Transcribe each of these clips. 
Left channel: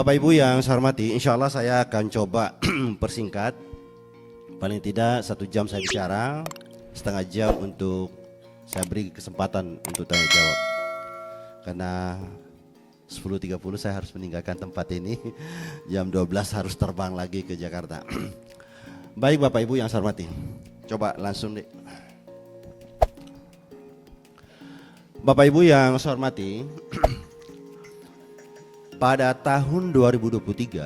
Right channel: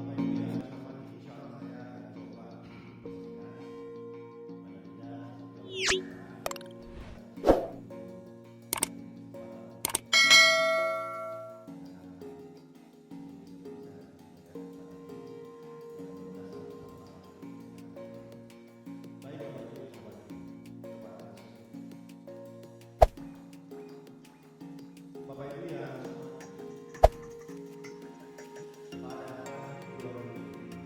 Bapak Ibu yang saya hormati, insya Allah saya akan coba persingkat. Paling tidak 1 jam saya bicara, setengah jam untuk saya beri kesempatan untuk tanya jawab. Karena 10.30 saya harus meninggalkan tempat ini, jam 12 harus terbang lagi ke Jakarta. Baik Bapak Ibu yang saya hormati, coba langsung deh. Bapak Ibu yang saya hormati, pada tahun 2023,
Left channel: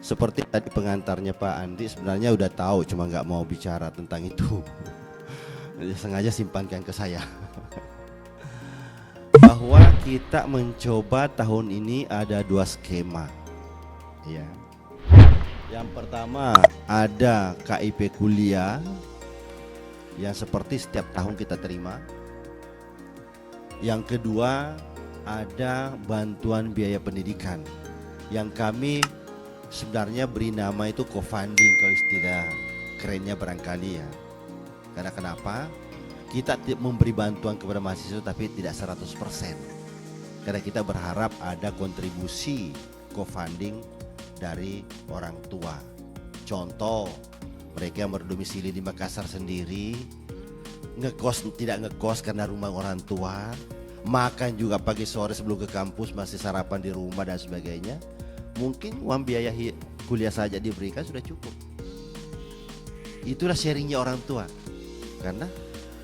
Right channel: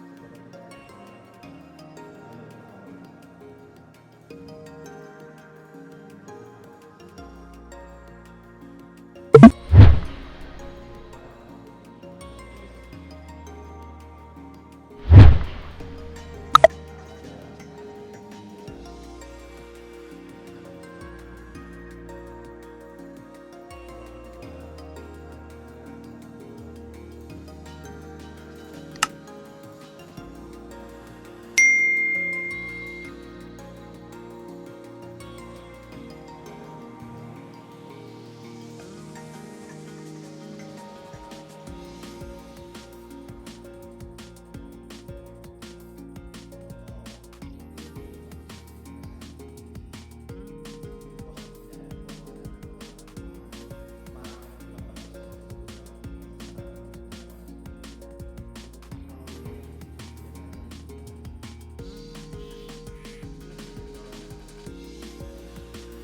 seperti tadi pengantarnya Pak Andi sebenarnya udah tahu, cuma nggak mau bicara tentang itu. Sengaja simpankan ke saya. Bahwa kita mencoba tahun ini ada 2 skema. Ya. Yang pertama ada KIP kuliah yang seperti setiap tahun kita terima. Yang kedua ada bantuan biaya pendidikan yang kami sebenarnya beri nama itu co-funding kalau istilah kerennya barangkali ya. Karena kenapa? Kita memberi bantuan kepada mahasiswa tapi tidak 100%. Karena kita berharap ada kontribusi co-funding dari orang tua. Contoh, mereka yang berdomisili di Makassar sendiri tidak ngekos karena rumah orang tua, makan juga pagi sore sebelum ke kampus masih sarapan di rumah dan sebagainya. Mungkin uang biaya kuliah saja diberikan sudah cukup. Itulah sharingnya orang tua, karena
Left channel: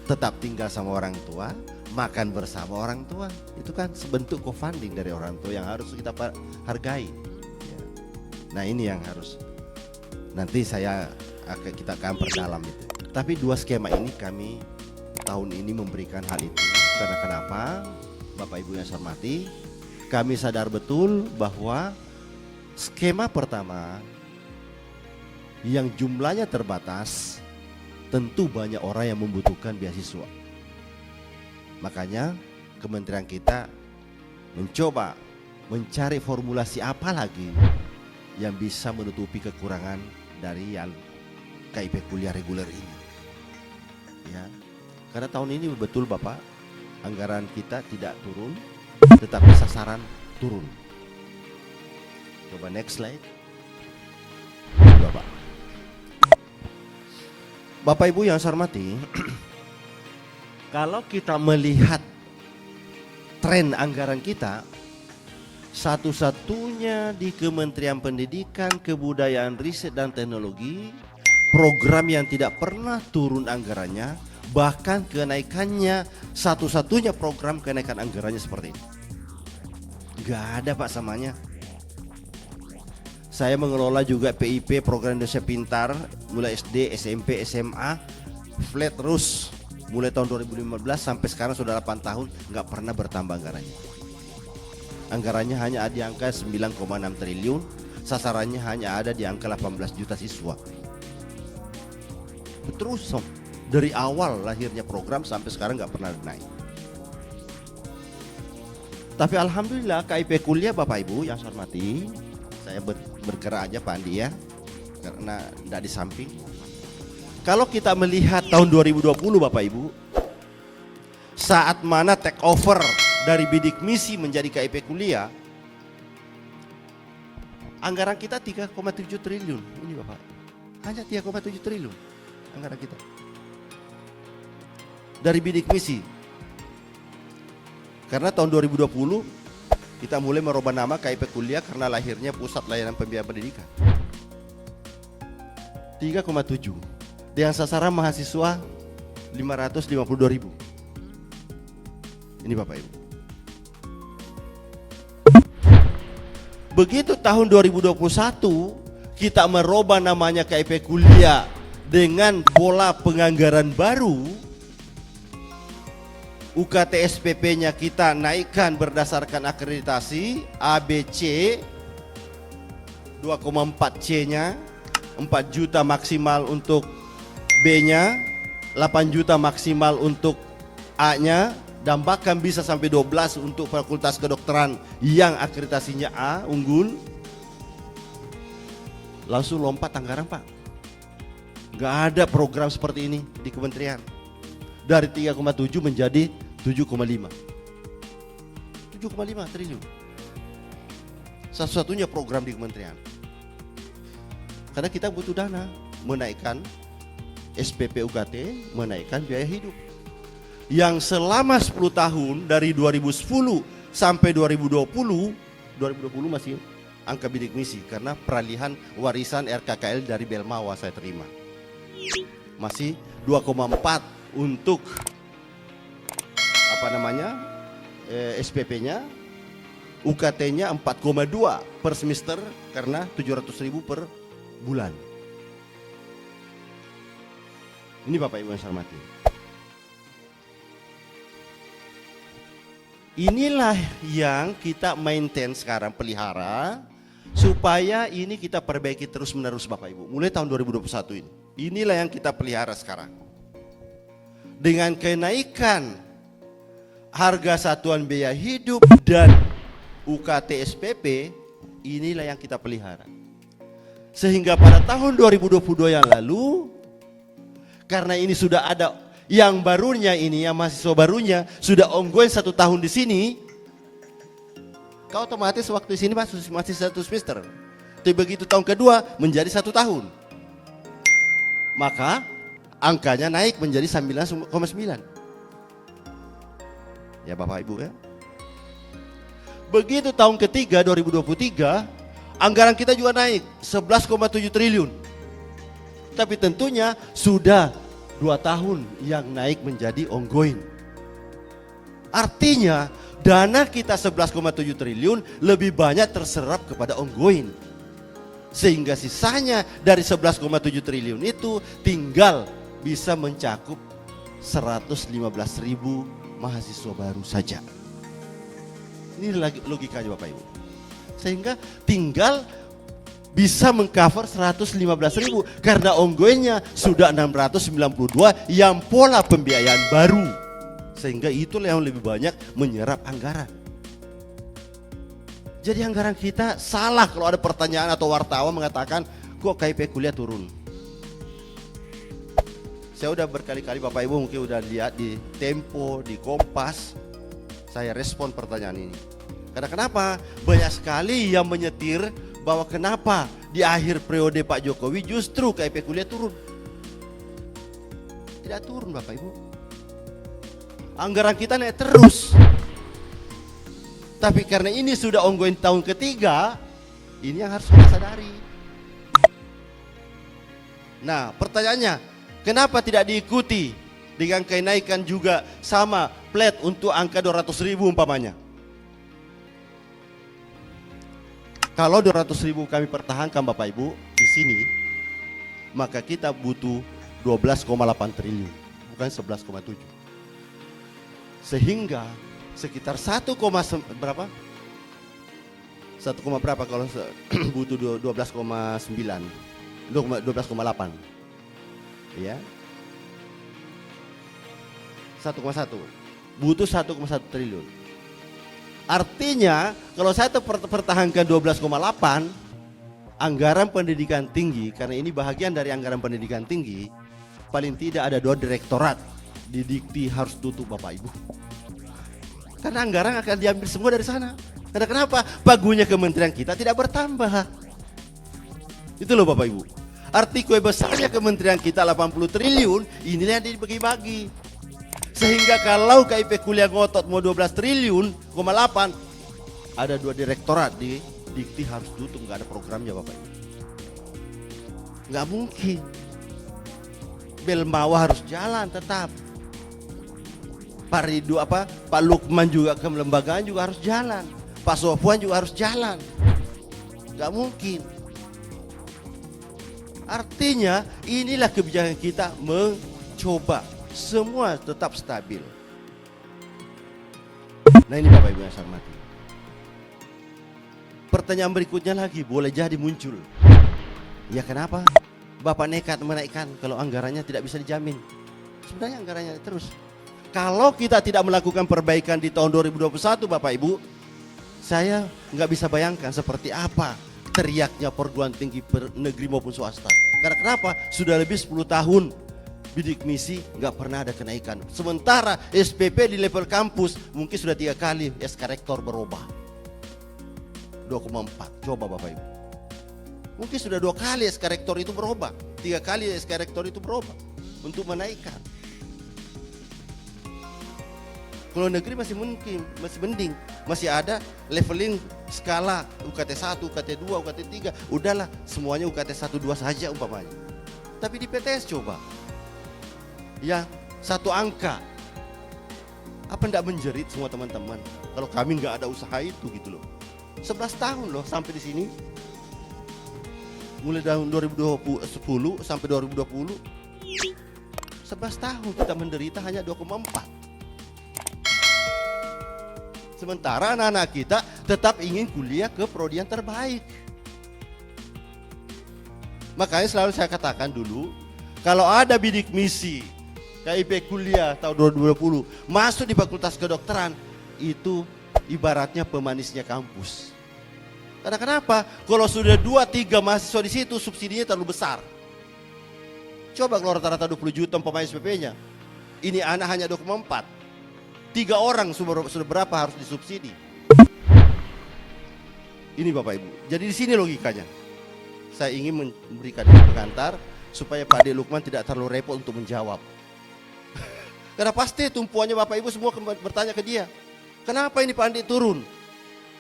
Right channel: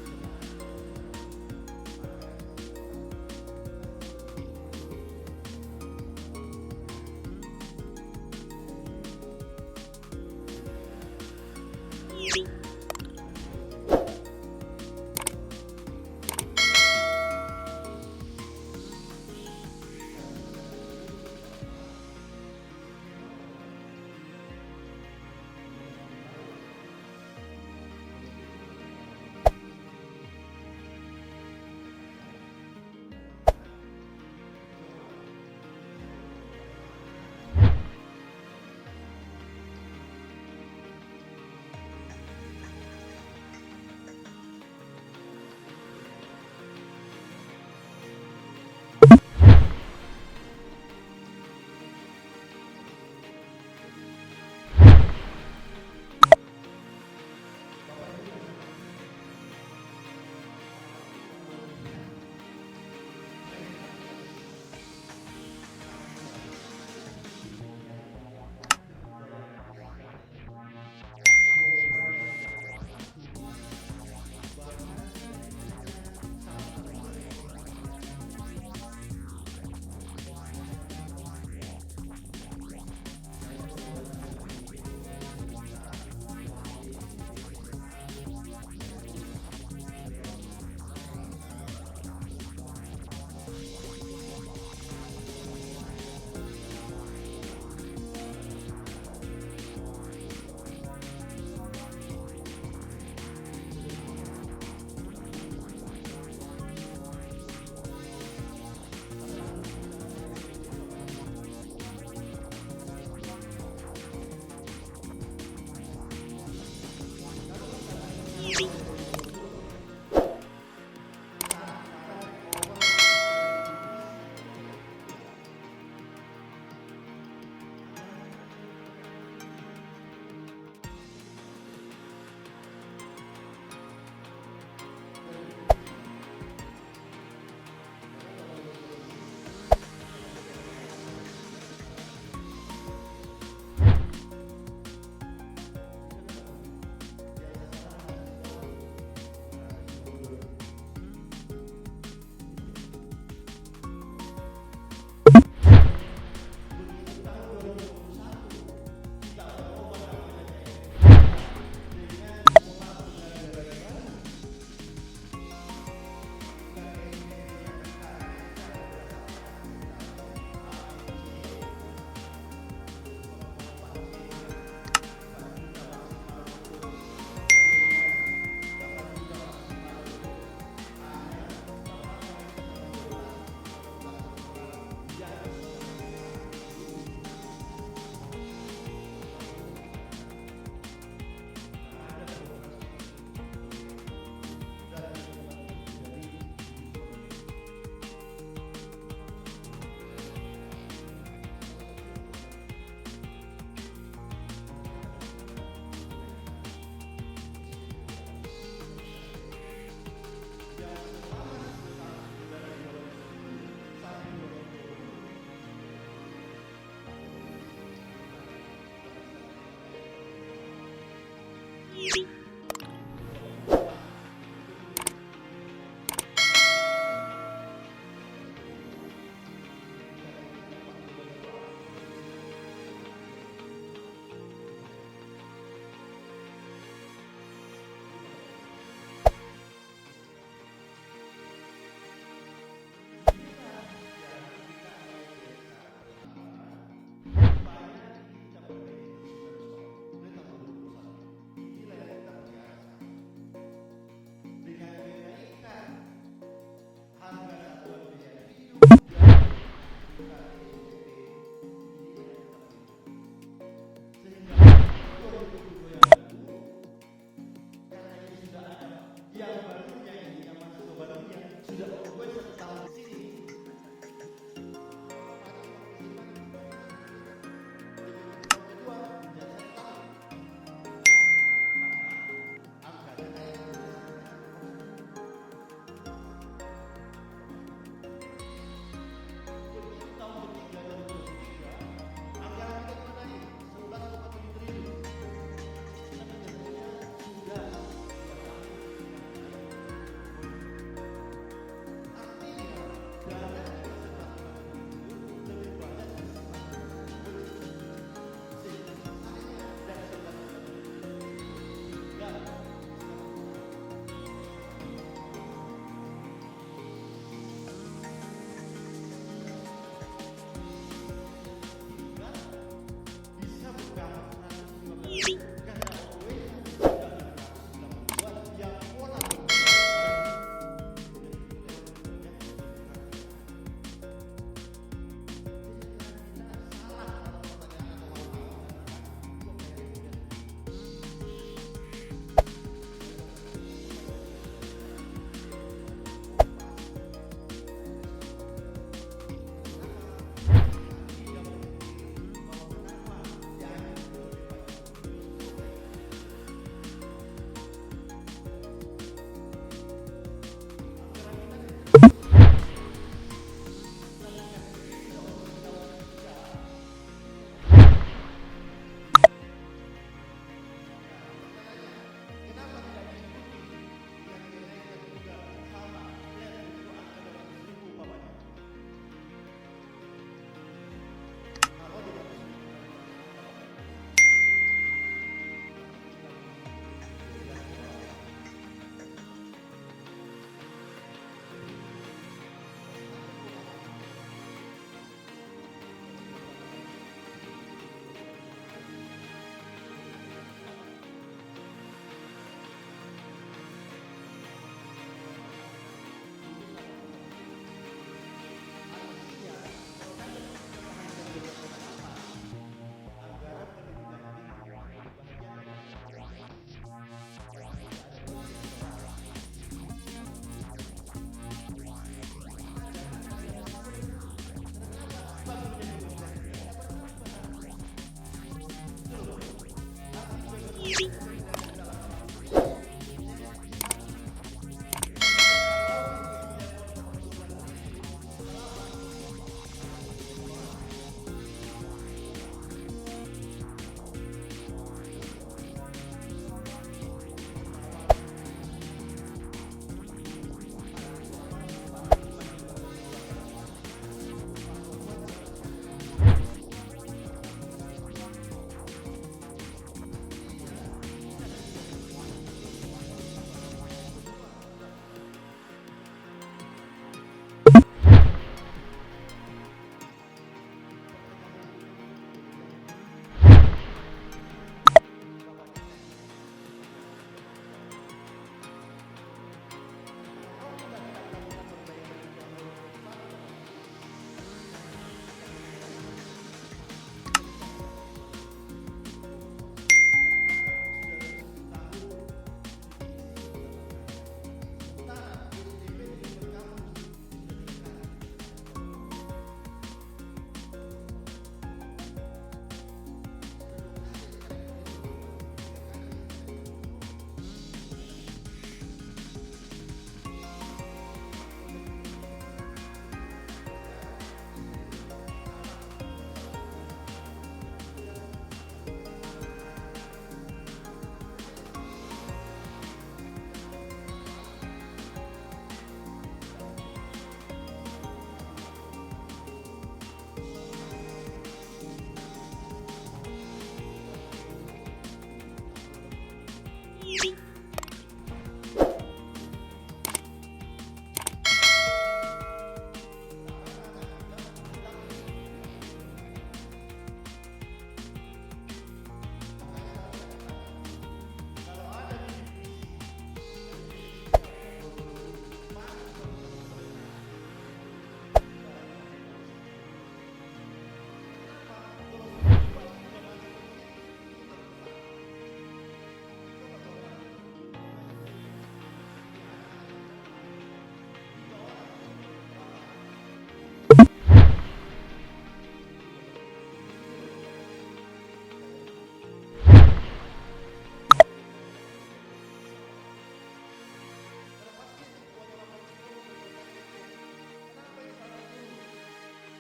tetap tinggal sama orang tua, makan bersama orang tua. Itu kan bentuk co-funding dari orang tua yang harus kita hargai. Nah ini yang harus nanti kita akan perdalam itu. Tapi 2 skema ini kami tahun ini memberikan hal itu. Karena kenapa? Bapak Ibu yang saya hormati, kami sadar betul bahwa skema pertama yang jumlahnya terbatas, tentu banyak orang yang membutuhkan beasiswa. Makanya kementerian kita mencoba mencari formulasi apa lagi yang bisa menutupi kekurangan dari yang KIP kuliah reguler ini. Ya. Karena tahun ini betul Bapak, anggaran kita tidak turun, tetapi sasaran turun. Coba next slide. Bapak Ibu yang saya hormati, kalau kita melihat tren anggaran kita, satu-satunya di Kementerian Pendidikan, Kebudayaan, Riset dan Teknologi, program yang tidak pernah turun anggarannya, bahkan kenaikannya satu-satunya program kenaikan anggarannya seperti ini. Gak ada Pak samanya. Saya mengelola juga PIP, Program Indonesia Pintar, mulai SD, SMP, SMA, flat terus mulai tahun 2015 sampai sekarang sudah 8 tahun, nggak pernah bertambah anggarannya. Anggarannya hanya ada di angka 9,6 triliun, sasarannya hanya ada di angka 18 juta siswa. Terus dari awal lahirnya program sampai sekarang nggak pernah naik. Tapi alhamdulillah KIP kuliah Bapak Ibu yang saya hormati, saya bergerak aja Pak Andi ya, karena tidak di samping. Kalau kita melihat tahun 2020 Bapak Ibu, saat mana take over dari bidik misi menjadi KIP kuliah, anggaran kita 3,7 triliun. Ini Bapak, hanya 3,7 triliun anggaran kita dari bidik misi. Karena tahun 2020 kita mulai merubah nama KIP kuliah karena lahirnya Pusat Layanan Pembiayaan Pendidikan. 3,7 dengan sasaran mahasiswa 552.000. Ini Bapak Ibu. Begitu tahun 2021 kita merubah namanya KIP kuliah dengan pola penganggaran baru, UKT SPP-nya kita naikkan berdasarkan akreditasi ABC 2,4 C-nya, 4 juta maksimal untuk B-nya, 8 juta maksimal untuk A-nya, dan bahkan bisa sampai 12 untuk fakultas kedokteran yang akreditasinya A, unggul. Langsung lompat anggaran Pak. Gak ada program seperti ini di kementerian. Dari 3,7 menjadi 7,5. 7,5 triliun. Satu-satunya program di kementerian. Karena kita butuh dana, menaikkan SPP UKT, menaikkan biaya hidup. Yang selama 10 tahun dari 2010 sampai 2020 masih angka bidik misi karena peralihan warisan RKKL dari Belmawa saya terima. Masih 2,4 untuk SPP-nya, UKT-nya 4,2 per semester karena 700.000 per bulan. Ini Bapak Ibu yang saya hormati. Inilah yang kita maintain sekarang, pelihara, supaya ini kita perbaiki terus menerus Bapak Ibu. Mulai tahun 2021 ini. Inilah yang kita pelihara sekarang. Dengan kenaikan harga satuan biaya hidup dan UKT SPP, inilah yang kita pelihara. Sehingga pada tahun 2022 yang lalu, karena ini sudah ada yang barunya ini, yang mahasiswa barunya sudah ongoing 1 tahun di sini, kau otomatis waktu di sini masih 1 semester. Tapi begitu tahun kedua menjadi 1 tahun, maka angkanya naik menjadi 9,9. Ya Bapak Ibu ya. Begitu tahun ketiga 2023, anggaran kita juga naik 11,7 triliun. Tapi tentunya sudah 2 tahun yang naik menjadi ongoing. Artinya dana kita 11,7 triliun lebih banyak terserap kepada ongoing. Sehingga sisanya dari 11,7 triliun itu tinggal bisa mencakup 115.000 mahasiswa baru saja. Ini logikanya Bapak Ibu. Sehingga tinggal bisa mengcover 115.000 karena ongoingnya sudah 692 yang pola pembiayaan baru. Sehingga itulah yang lebih banyak menyerap anggaran. Jadi anggaran kita salah kalau ada pertanyaan atau wartawan mengatakan kok KIP kuliah turun. Saya udah berkali-kali Bapak Ibu mungkin udah lihat di Tempo, di Kompas, saya respon pertanyaan ini. Karena kenapa? Banyak sekali yang menyetir bahwa kenapa di akhir periode Pak Jokowi justru KIP kuliah turun. Tidak turun Bapak Ibu. Anggaran kita naik terus. Tapi karena ini sudah ongoing tahun ketiga, ini yang harus kita sadari. Nah pertanyaannya, kenapa tidak diikuti dengan kenaikan juga sama flat untuk angka 200.000 umpamanya? Kalau 200.000 kami pertahankan Bapak Ibu di sini, maka kita butuh 12,8 triliun, bukan 11,7. Sehingga sekitar 1, berapa? 1, berapa kalau butuh 12,9, 12,8. Ya. 1,1. Butuh 1,1 triliun. Artinya kalau saya pertahankan 12,8, anggaran pendidikan tinggi, karena ini bahagian dari anggaran pendidikan tinggi, paling tidak ada 2 direktorat di Dikti harus tutup Bapak Ibu. Karena anggaran akan diambil semua dari sana. Karena kenapa? Pagunya kementerian kita tidak bertambah. Itu loh Bapak Ibu. Arti kue besarnya kementerian kita 80 triliun, inilah yang dibagi-bagi. Sehingga kalau KIP kuliah ngotot mau 12 triliun, 8, ada 2 direktorat di Dikti harus tutup, nggak ada programnya Bapak. Nggak mungkin. Belmawa harus jalan tetap. Pak Lukman juga ke lembagaan juga harus jalan. Pak Sofwan juga harus jalan. Nggak mungkin. Artinya inilah kebijakan kita mencoba semua tetap stabil. Nah ini Bapak Ibu yang sama. Pertanyaan berikutnya lagi boleh jadi muncul. Ya kenapa Bapak nekat menaikkan kalau anggarannya tidak bisa dijamin? Sebenarnya anggarannya terus. Kalau kita tidak melakukan perbaikan di tahun 2021 Bapak Ibu, saya nggak bisa bayangkan seperti apa teriaknya perguruan tinggi negeri maupun swasta. Karena kenapa? Sudah lebih 10 tahun bidik misi nggak pernah ada kenaikan. Sementara SPP di level kampus mungkin sudah 3 kali SK Rektor berubah. 2,4. Coba Bapak Ibu. Mungkin sudah 2 kali SK Rektor itu berubah. 3 kali SK Rektor itu berubah untuk menaikkan. Kalau negeri masih mending, masih ada leveling skala UKT 1, UKT 2, UKT 3. Udahlah, semuanya UKT 1, 2 saja umpamanya. Tapi di PTS coba. Ya, 1 angka. Apa enggak menjerit semua teman-teman? Kalau kami enggak ada usaha itu gitu loh. 11 tahun loh sampai di sini. Mulai tahun 2010 sampai 2020. 11 tahun kita menderita hanya 2,4. Sementara anak-anak kita tetap ingin kuliah ke prodi yang terbaik. Makanya selalu saya katakan dulu, kalau ada bidik misi KIP kuliah tahun 2020 masuk di fakultas kedokteran, itu ibaratnya pemanisnya kampus. Karena kenapa? Kalau sudah 2-3 mahasiswa di situ, subsidinya terlalu besar. Coba kalau rata-rata 20 juta pemain SPP-nya, ini anak hanya 2,4. 3 orang sudah berapa harus disubsidi? Ini Bapak Ibu. Jadi di sini logikanya. Saya ingin memberikan pengantar supaya Pak Ade Lukman tidak terlalu repot untuk menjawab. Karena pasti tumpuannya Bapak Ibu semua bertanya ke dia. Kenapa ini Pak Andi turun?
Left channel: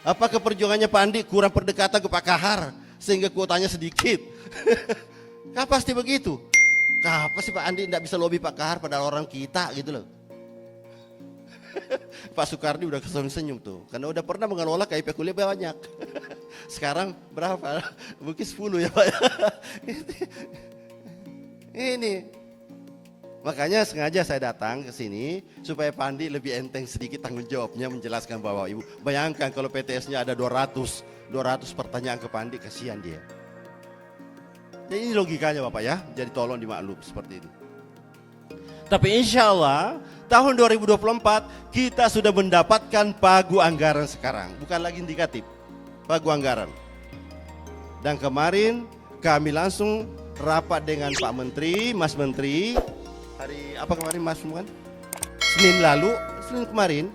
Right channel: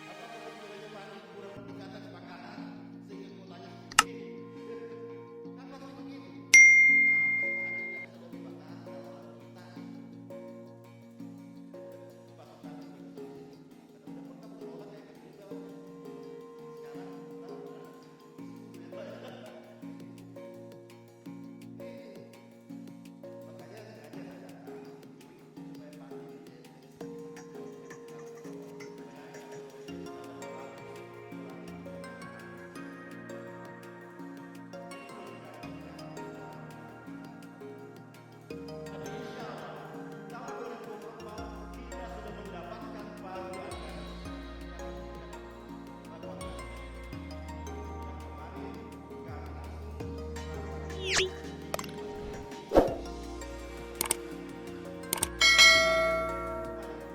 Apakah perjuangannya Pak Andi kurang pendekatan ke Pak Kahar sehingga kuotanya sedikit? Kan pasti begitu. Kenapa sih Pak Andi tidak bisa lobby Pak Kahar pada orang kita gitu loh. Pak Soekardi udah kesenyum tuh, karena udah pernah mengelola KIP kuliah banyak. Sekarang berapa? Mungkin 10 ya Pak. Ini makanya sengaja saya datang ke sini supaya Pak Andi lebih enteng sedikit tanggung jawabnya menjelaskan bahwa Ibu. Bayangkan kalau PTS-nya ada 200 pertanyaan ke Pak Andi, kasihan dia. Jadi ini logikanya Bapak ya, jadi tolong dimaklum seperti itu. Tapi insya Allah tahun 2024 kita sudah mendapatkan pagu anggaran sekarang, bukan lagi indikatif, pagu anggaran. Dan kemarin kami langsung rapat dengan Pak Menteri, Mas Menteri, hari apa kemarin Mas Muan? Senin kemarin,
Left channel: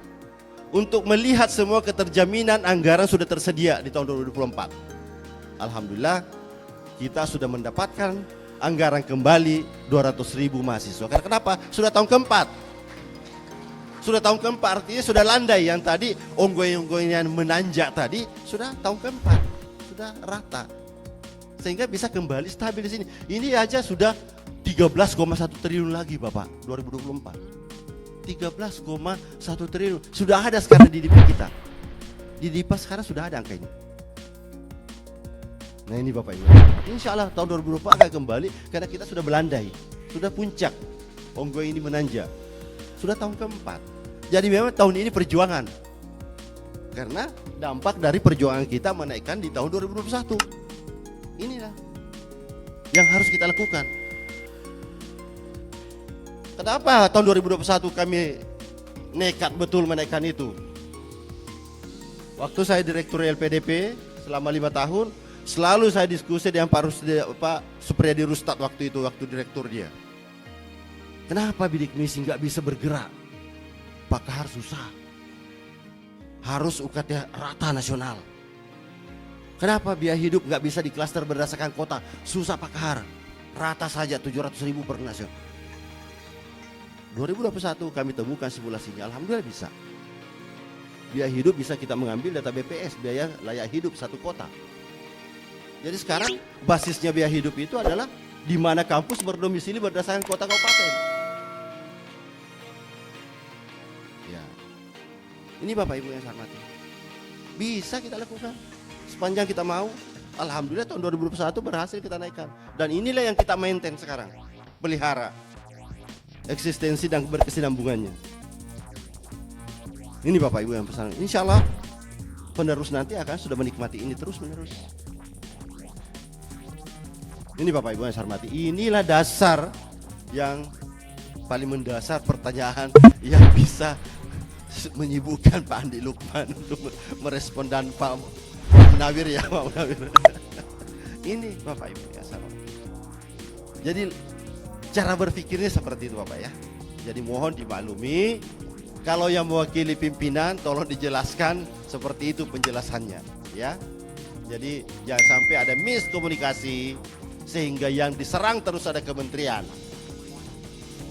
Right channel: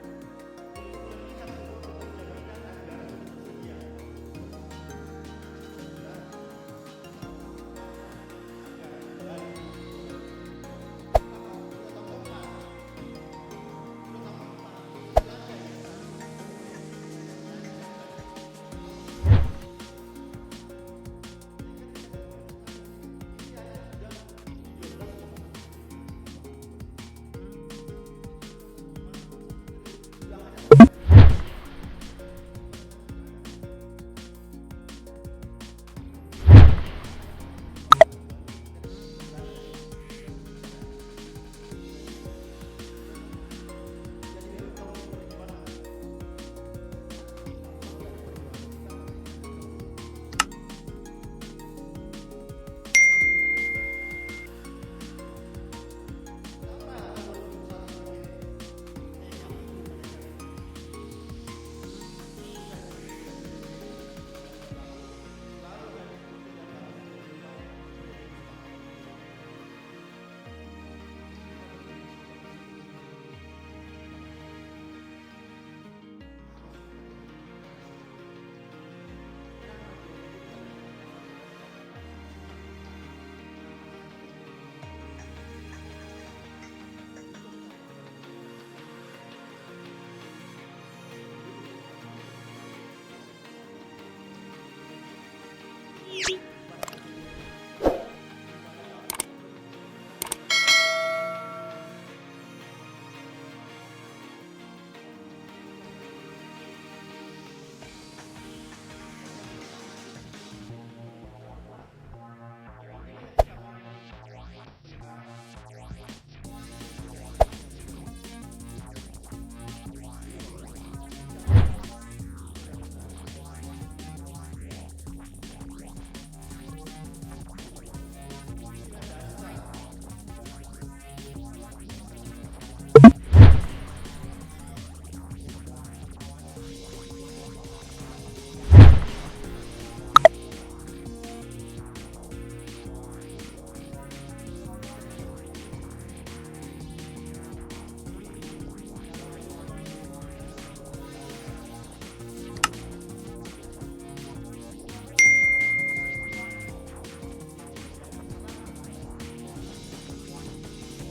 untuk melihat semua keterjaminan anggaran sudah tersedia di tahun 2024. Alhamdulillah kita sudah mendapatkan anggaran kembali 200.000 mahasiswa. Karena kenapa? Sudah tahun keempat. Sudah tahun keempat artinya sudah landai. Yang tadi onggoy-onggoynya menanjak tadi sudah tahun keempat. Sudah rata. Sehingga bisa kembali stabil di sini. Ini aja sudah 13,1 triliun lagi Bapak 2024. 13,1 triliun. Sudah ada sekarang di DIPA kita. Di DIPA sekarang sudah ada angkanya. Nah ini Bapak Ibu, insya Allah tahun 2024 akan kembali karena kita sudah melandai, sudah puncak, onggoy ini menanjak, sudah tahun keempat. Jadi memang tahun ini perjuangan, karena dampak dari perjuangan kita menaikkan di tahun 2021. Inilah yang harus kita lakukan. Kenapa tahun 2021 kami nekat betul menaikkan itu? Waktu saya direktur LPDP selama 5 tahun, selalu saya diskusi dengan Pak Supriyadi Rustad waktu itu, waktu direktur dia. Kenapa bidik misi nggak bisa bergerak? Pak Kahar susah. Harus UKT rata nasional. Kenapa biaya hidup nggak bisa diklaster berdasarkan kota? Susah Pak Kahar. Rata saja 700.000 per nasional. 2021 kami temukan simulasinya, alhamdulillah bisa. Biaya hidup bisa kita mengambil data BPS, biaya layak hidup satu kota. Jadi sekarang basisnya biaya hidup itu adalah di mana kampus berdomisili berdasarkan kota kabupaten. Ya. Ini Bapak Ibu yang saya hormati. Bisa kita lakukan sepanjang kita mau. Alhamdulillah tahun 2021 berhasil kita naikkan. Dan inilah yang kita maintain sekarang, pelihara eksistensi dan berkesinambungannya. Ini Bapak Ibu yang pesan. Insya Allah penerus nanti akan sudah menikmati ini terus menerus. Ini Bapak Ibu yang saya hormati, inilah dasar yang paling mendasar pertanyaan yang bisa menyibukkan Pak Andi Lukman untuk merespon dan Pak Munawir ya Pak Munawir. Ini Bapak Ibu ya. Jadi cara berpikirnya seperti itu Bapak ya. Jadi mohon dimaklumi, kalau yang mewakili pimpinan tolong dijelaskan seperti itu penjelasannya ya. Jadi jangan sampai ada miskomunikasi sehingga yang diserang terus ada kementerian.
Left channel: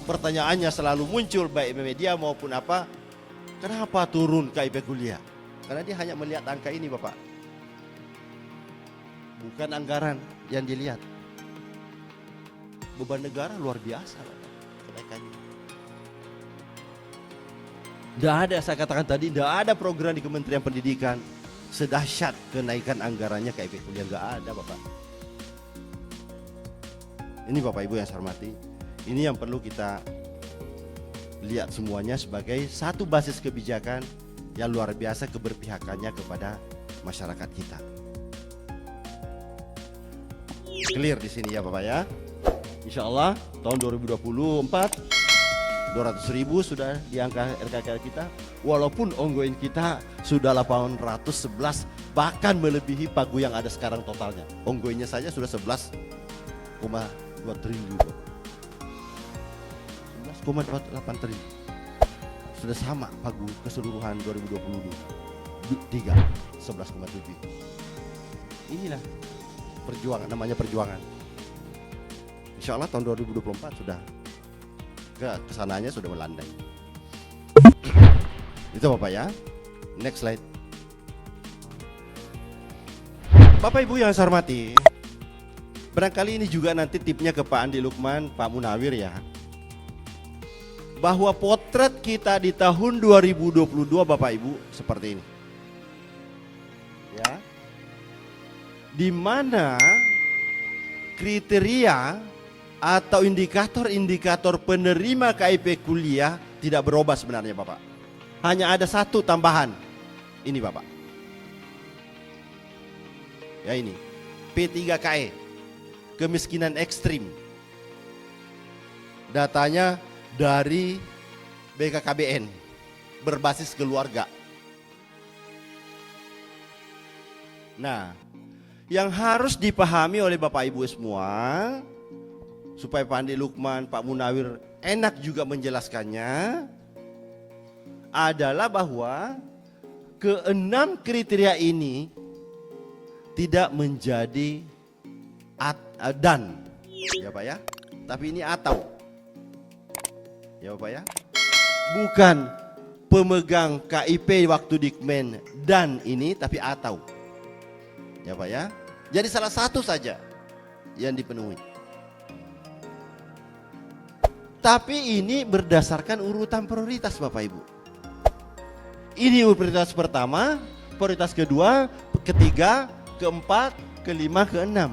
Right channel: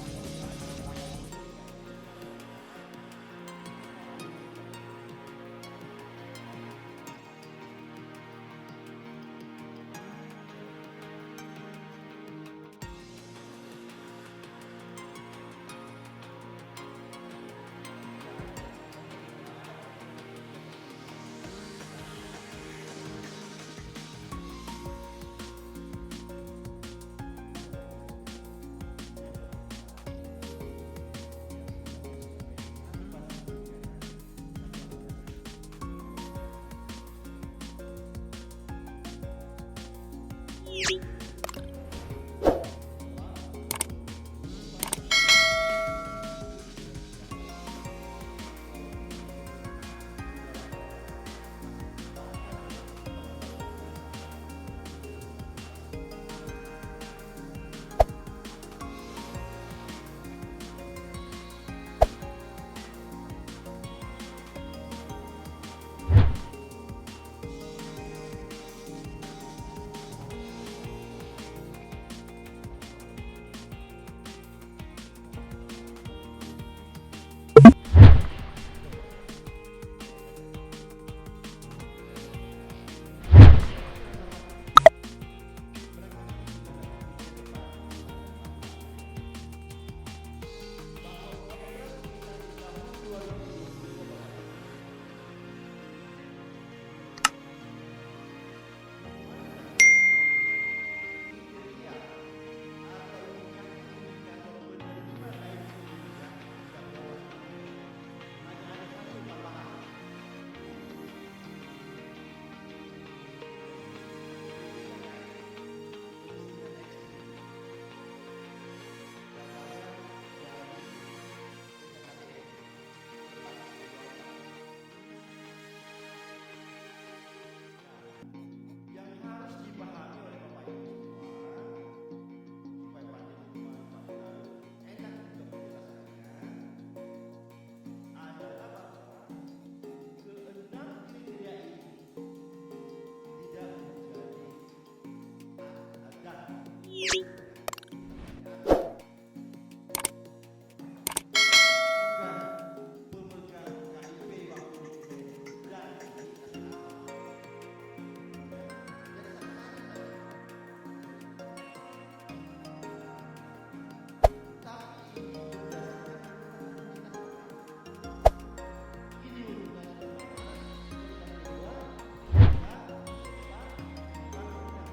Pertanyaannya selalu muncul baik media maupun apa, kenapa turun KIP kuliah? Karena dia hanya melihat angka ini Bapak, bukan anggaran yang dilihat. Beban negara luar biasa. Tidak ada, saya katakan tadi, tidak ada program di Kementerian Pendidikan sedahsyat kenaikan anggarannya KIP kuliah, nggak ada Bapak. Ini Bapak Ibu yang saya hormati, ini yang perlu kita lihat semuanya sebagai satu basis kebijakan yang luar biasa keberpihakannya kepada masyarakat kita. Clear di sini ya Bapak ya. Insya Allah tahun 2024 200.000 sudah di angka RKK kita, walaupun ongoing kita sudah 811, bahkan melebihi pagu yang ada sekarang totalnya. Ongoingnya saja sudah 11,2 triliun, 11,28 triliun, sudah sama pagu keseluruhan 2023 11,7. Inilah perjuangan, namanya perjuangan. Insya Allah tahun 2024 sudah kesananya sudah melandai. Itu Bapak ya. Next slide. Bapak Ibu yang saya hormati, barangkali ini juga nanti tipnya ke Pak Andi Lukman, Pak Munawir ya, bahwa potret kita di tahun 2022 Bapak Ibu seperti ini ya, di mana kriteria atau indikator-indikator penerima KIP kuliah tidak berubah sebenarnya Bapak. Hanya ada satu tambahan. Ini Bapak. Ya ini. P3KE. Kemiskinan ekstrim. Datanya dari BKKBN. Berbasis keluarga. Nah, yang harus dipahami oleh Bapak Ibu semua, supaya Pak Andi Lukman, Pak Munawir enak juga menjelaskannya, adalah bahwa keenam kriteria ini tidak menjadi dan ya Pak ya, tapi ini atau ya Bapak ya, bukan pemegang KIP waktu Dikmen dan ini, tapi atau ya Pak ya. Jadi salah satu saja yang dipenuhi. Tapi ini berdasarkan urutan prioritas Bapak Ibu. Ini prioritas pertama, prioritas kedua, ketiga, keempat, kelima, keenam.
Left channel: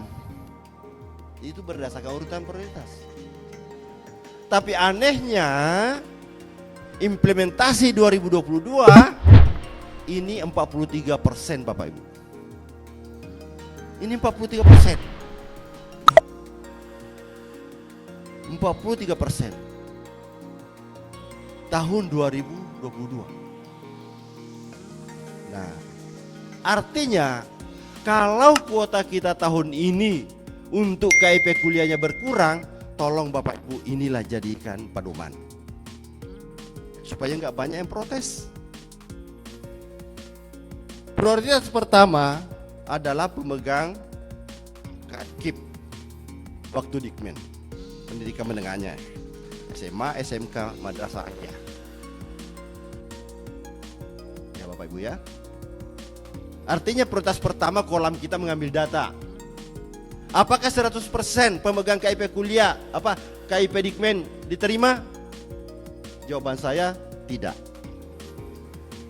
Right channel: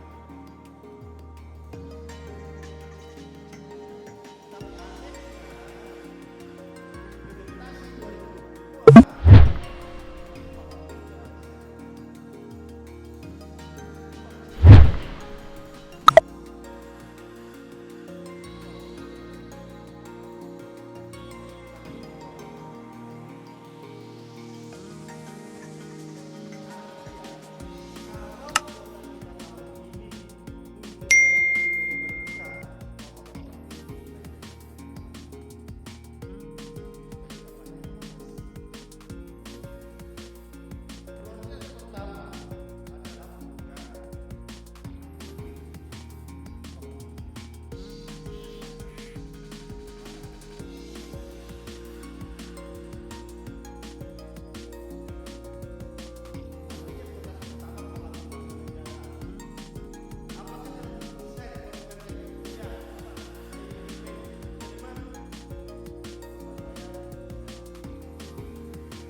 Itu berdasarkan urutan prioritas. Tapi anehnya implementasi 2022 ini 43% Bapak Ibu. Ini 43%. 43% tahun 2022. Nah, artinya kalau kuota kita tahun ini untuk KIP kuliahnya berkurang, tolong Bapak Ibu inilah jadikan pedoman supaya nggak banyak yang protes. Prioritas pertama adalah pemegang KIP waktu Dikmen, pendidikan menengahnya, SMA, SMK, madrasah aliyah. Ya Bapak Ibu ya. Artinya prioritas pertama kolom kita mengambil data. Apakah 100% pemegang KIP kuliah, KIP Dikmen diterima? Jawaban saya tidak.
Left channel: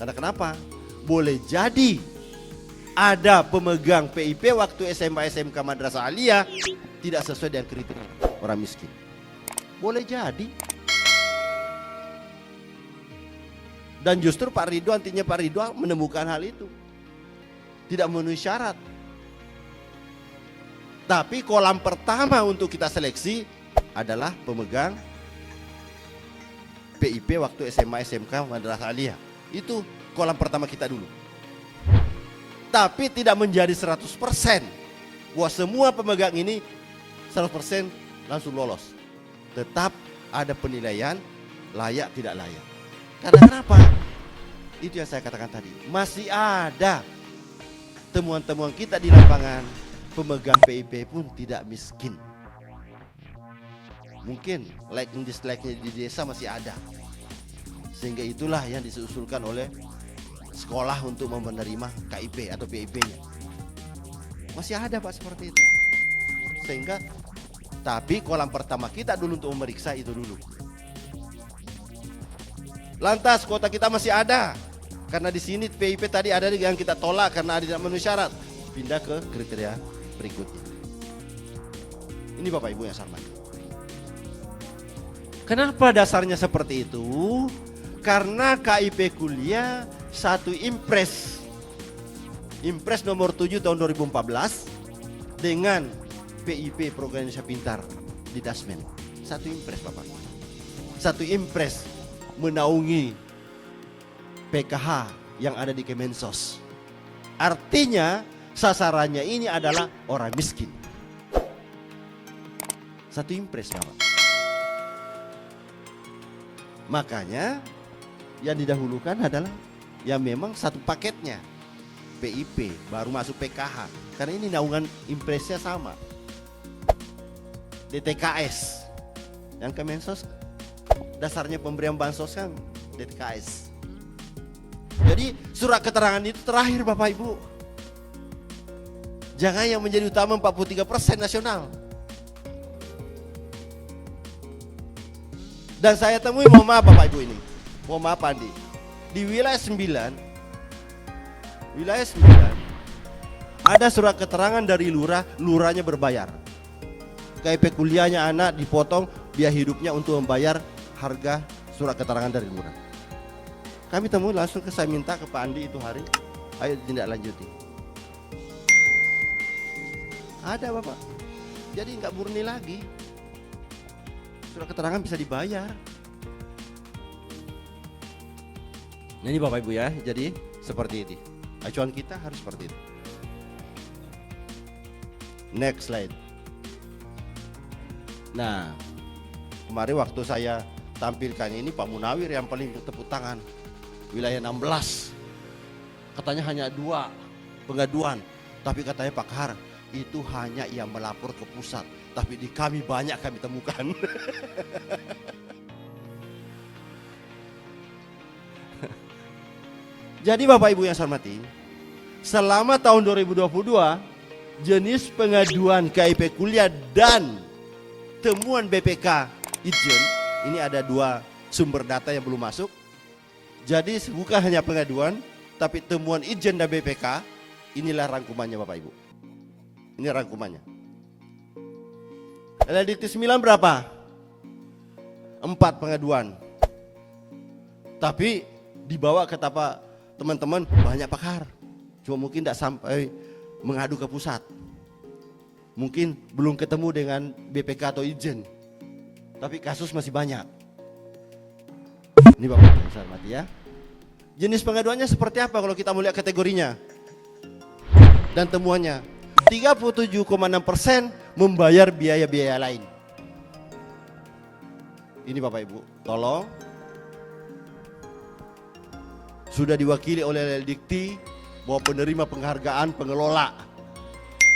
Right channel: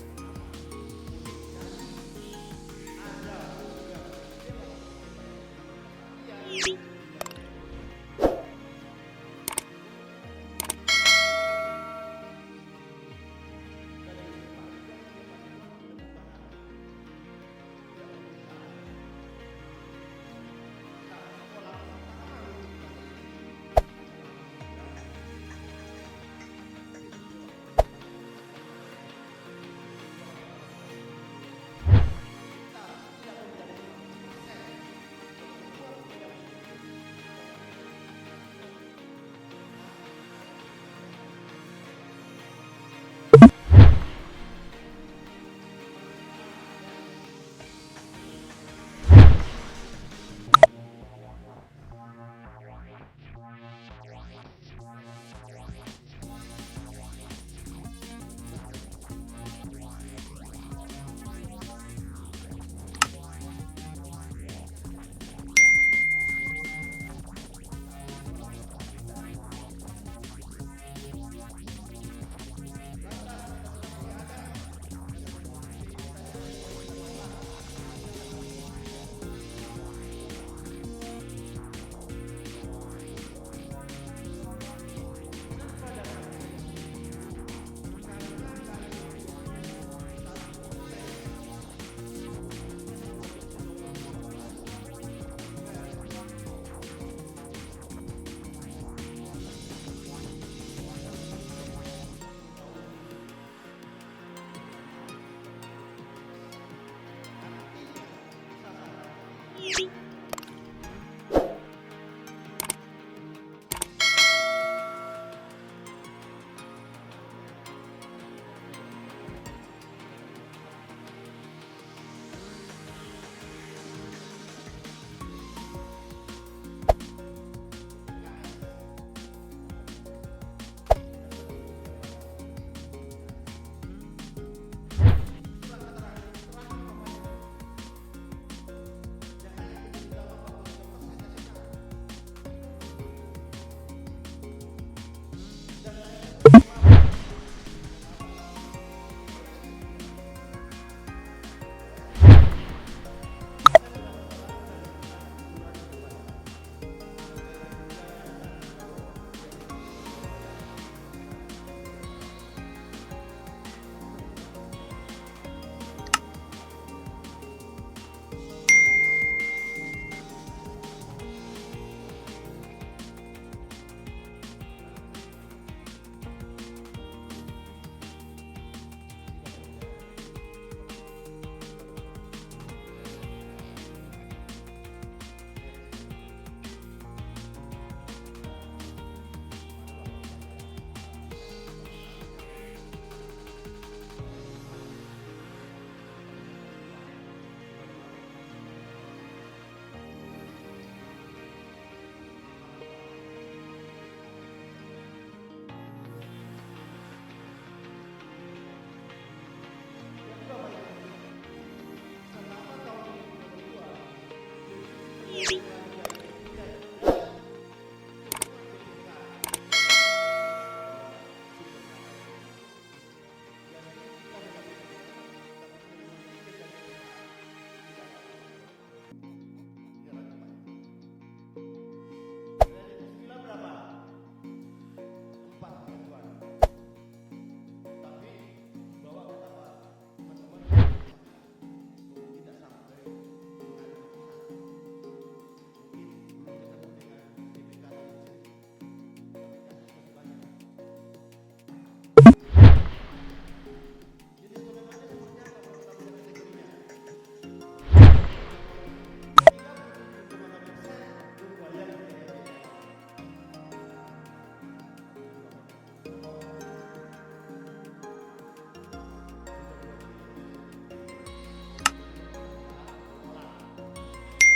Karena kenapa? Boleh jadi ada pemegang PIP waktu SMA, SMK, madrasah aliyah tidak sesuai dengan kriteria orang miskin. Boleh jadi. Dan justru Pak Ridwan, artinya Pak Ridwan menemukan hal itu. Tidak memenuhi syarat. Tapi kolam pertama untuk kita seleksi adalah pemegang PIP waktu SMA SMK Madrasah Aliyah. Itu kolam pertama kita dulu. Tapi tidak menjadi 100% bahwa semua pemegang ini 100% langsung lolos. Tetap ada penilaian layak tidak layak. Karena kenapa? Itu yang saya katakan tadi. Masih ada temuan-temuan kita di lapangan, pemegang PIP pun tidak miskin. Mungkin like and dislike-nya di desa masih ada. Sehingga itulah yang diusulkan oleh sekolah untuk menerima KIP atau PIP. Masih ada Pak seperti itu. Sehingga tapi kolam pertama kita dulu untuk memeriksa itu dulu. Lantas kuota kita masih ada. Karena di sini PIP tadi ada yang kita tolak karena tidak memenuhi syarat. Pindah ke kriteria berikut. Ini Bapak Ibu yang sama. Kenapa dasarnya seperti itu? Karena KIP kuliah satu impres. Impres nomor 7 tahun 2014 dengan PIP Program Indonesia Pintar di Dasmen. Satu impres Bapak. Satu impres menaungi PKH yang ada di Kemensos. Artinya sasarannya ini adalah orang miskin. Satu impres Bapak. Makanya yang didahulukan adalah yang memang satu paketnya PIP baru masuk PKH karena ini naungan impresnya sama. DTKS yang Kemensos dasarnya pemberian bansos kan DTKS. Jadi surat keterangan itu terakhir Bapak Ibu. Jangan yang menjadi utama 43% nasional. Dan saya temui, mohon maaf Bapak Ibu ini, mohon maaf Andi, di wilayah 9 ada surat keterangan dari lurah, lurahnya berbayar. KIP kuliahnya anak dipotong biaya hidupnya untuk membayar harga surat keterangan dari lurah. Kami temui langsung saya minta ke Pak Andi itu hari, ayo tindak lanjuti. Ada Bapak, jadi nggak murni lagi. Surat keterangan bisa dibayar. Nah ini Bapak Ibu ya, jadi seperti ini. Acuan kita harus seperti itu. Next slide. Nah, kemarin waktu saya tampilkan ini Pak Munawir yang paling bertepuk tangan. Wilayah 16. Katanya hanya 2 pengaduan, tapi katanya Pak Kahar itu hanya yang melapor ke pusat. Tapi di kami banyak kami temukan. Jadi Bapak Ibu yang saya hormati, selama tahun 2022 jenis pengaduan KIP kuliah dan temuan BPK Ijen, ini ada 2 sumber data yang belum masuk. Jadi bukan hanya pengaduan, tapi temuan Ijen dan BPK, inilah rangkumannya Bapak Ibu. Ini rangkumannya. LLDT 9 berapa? 4 pengaduan. Tapi dibawa ke tapak teman-teman banyak pakar. Cuma mungkin tidak sampai mengadu ke pusat. Mungkin belum ketemu dengan BPK atau Ijen. Tapi kasus masih banyak. Ini Bapak Ibu ya. Jenis pengaduannya seperti apa kalau kita melihat kategorinya dan temuannya? 37,6% membayar biaya-biaya lain. Ini Bapak Ibu, tolong. Sudah diwakili oleh Dikti bahwa penerima penghargaan pengelola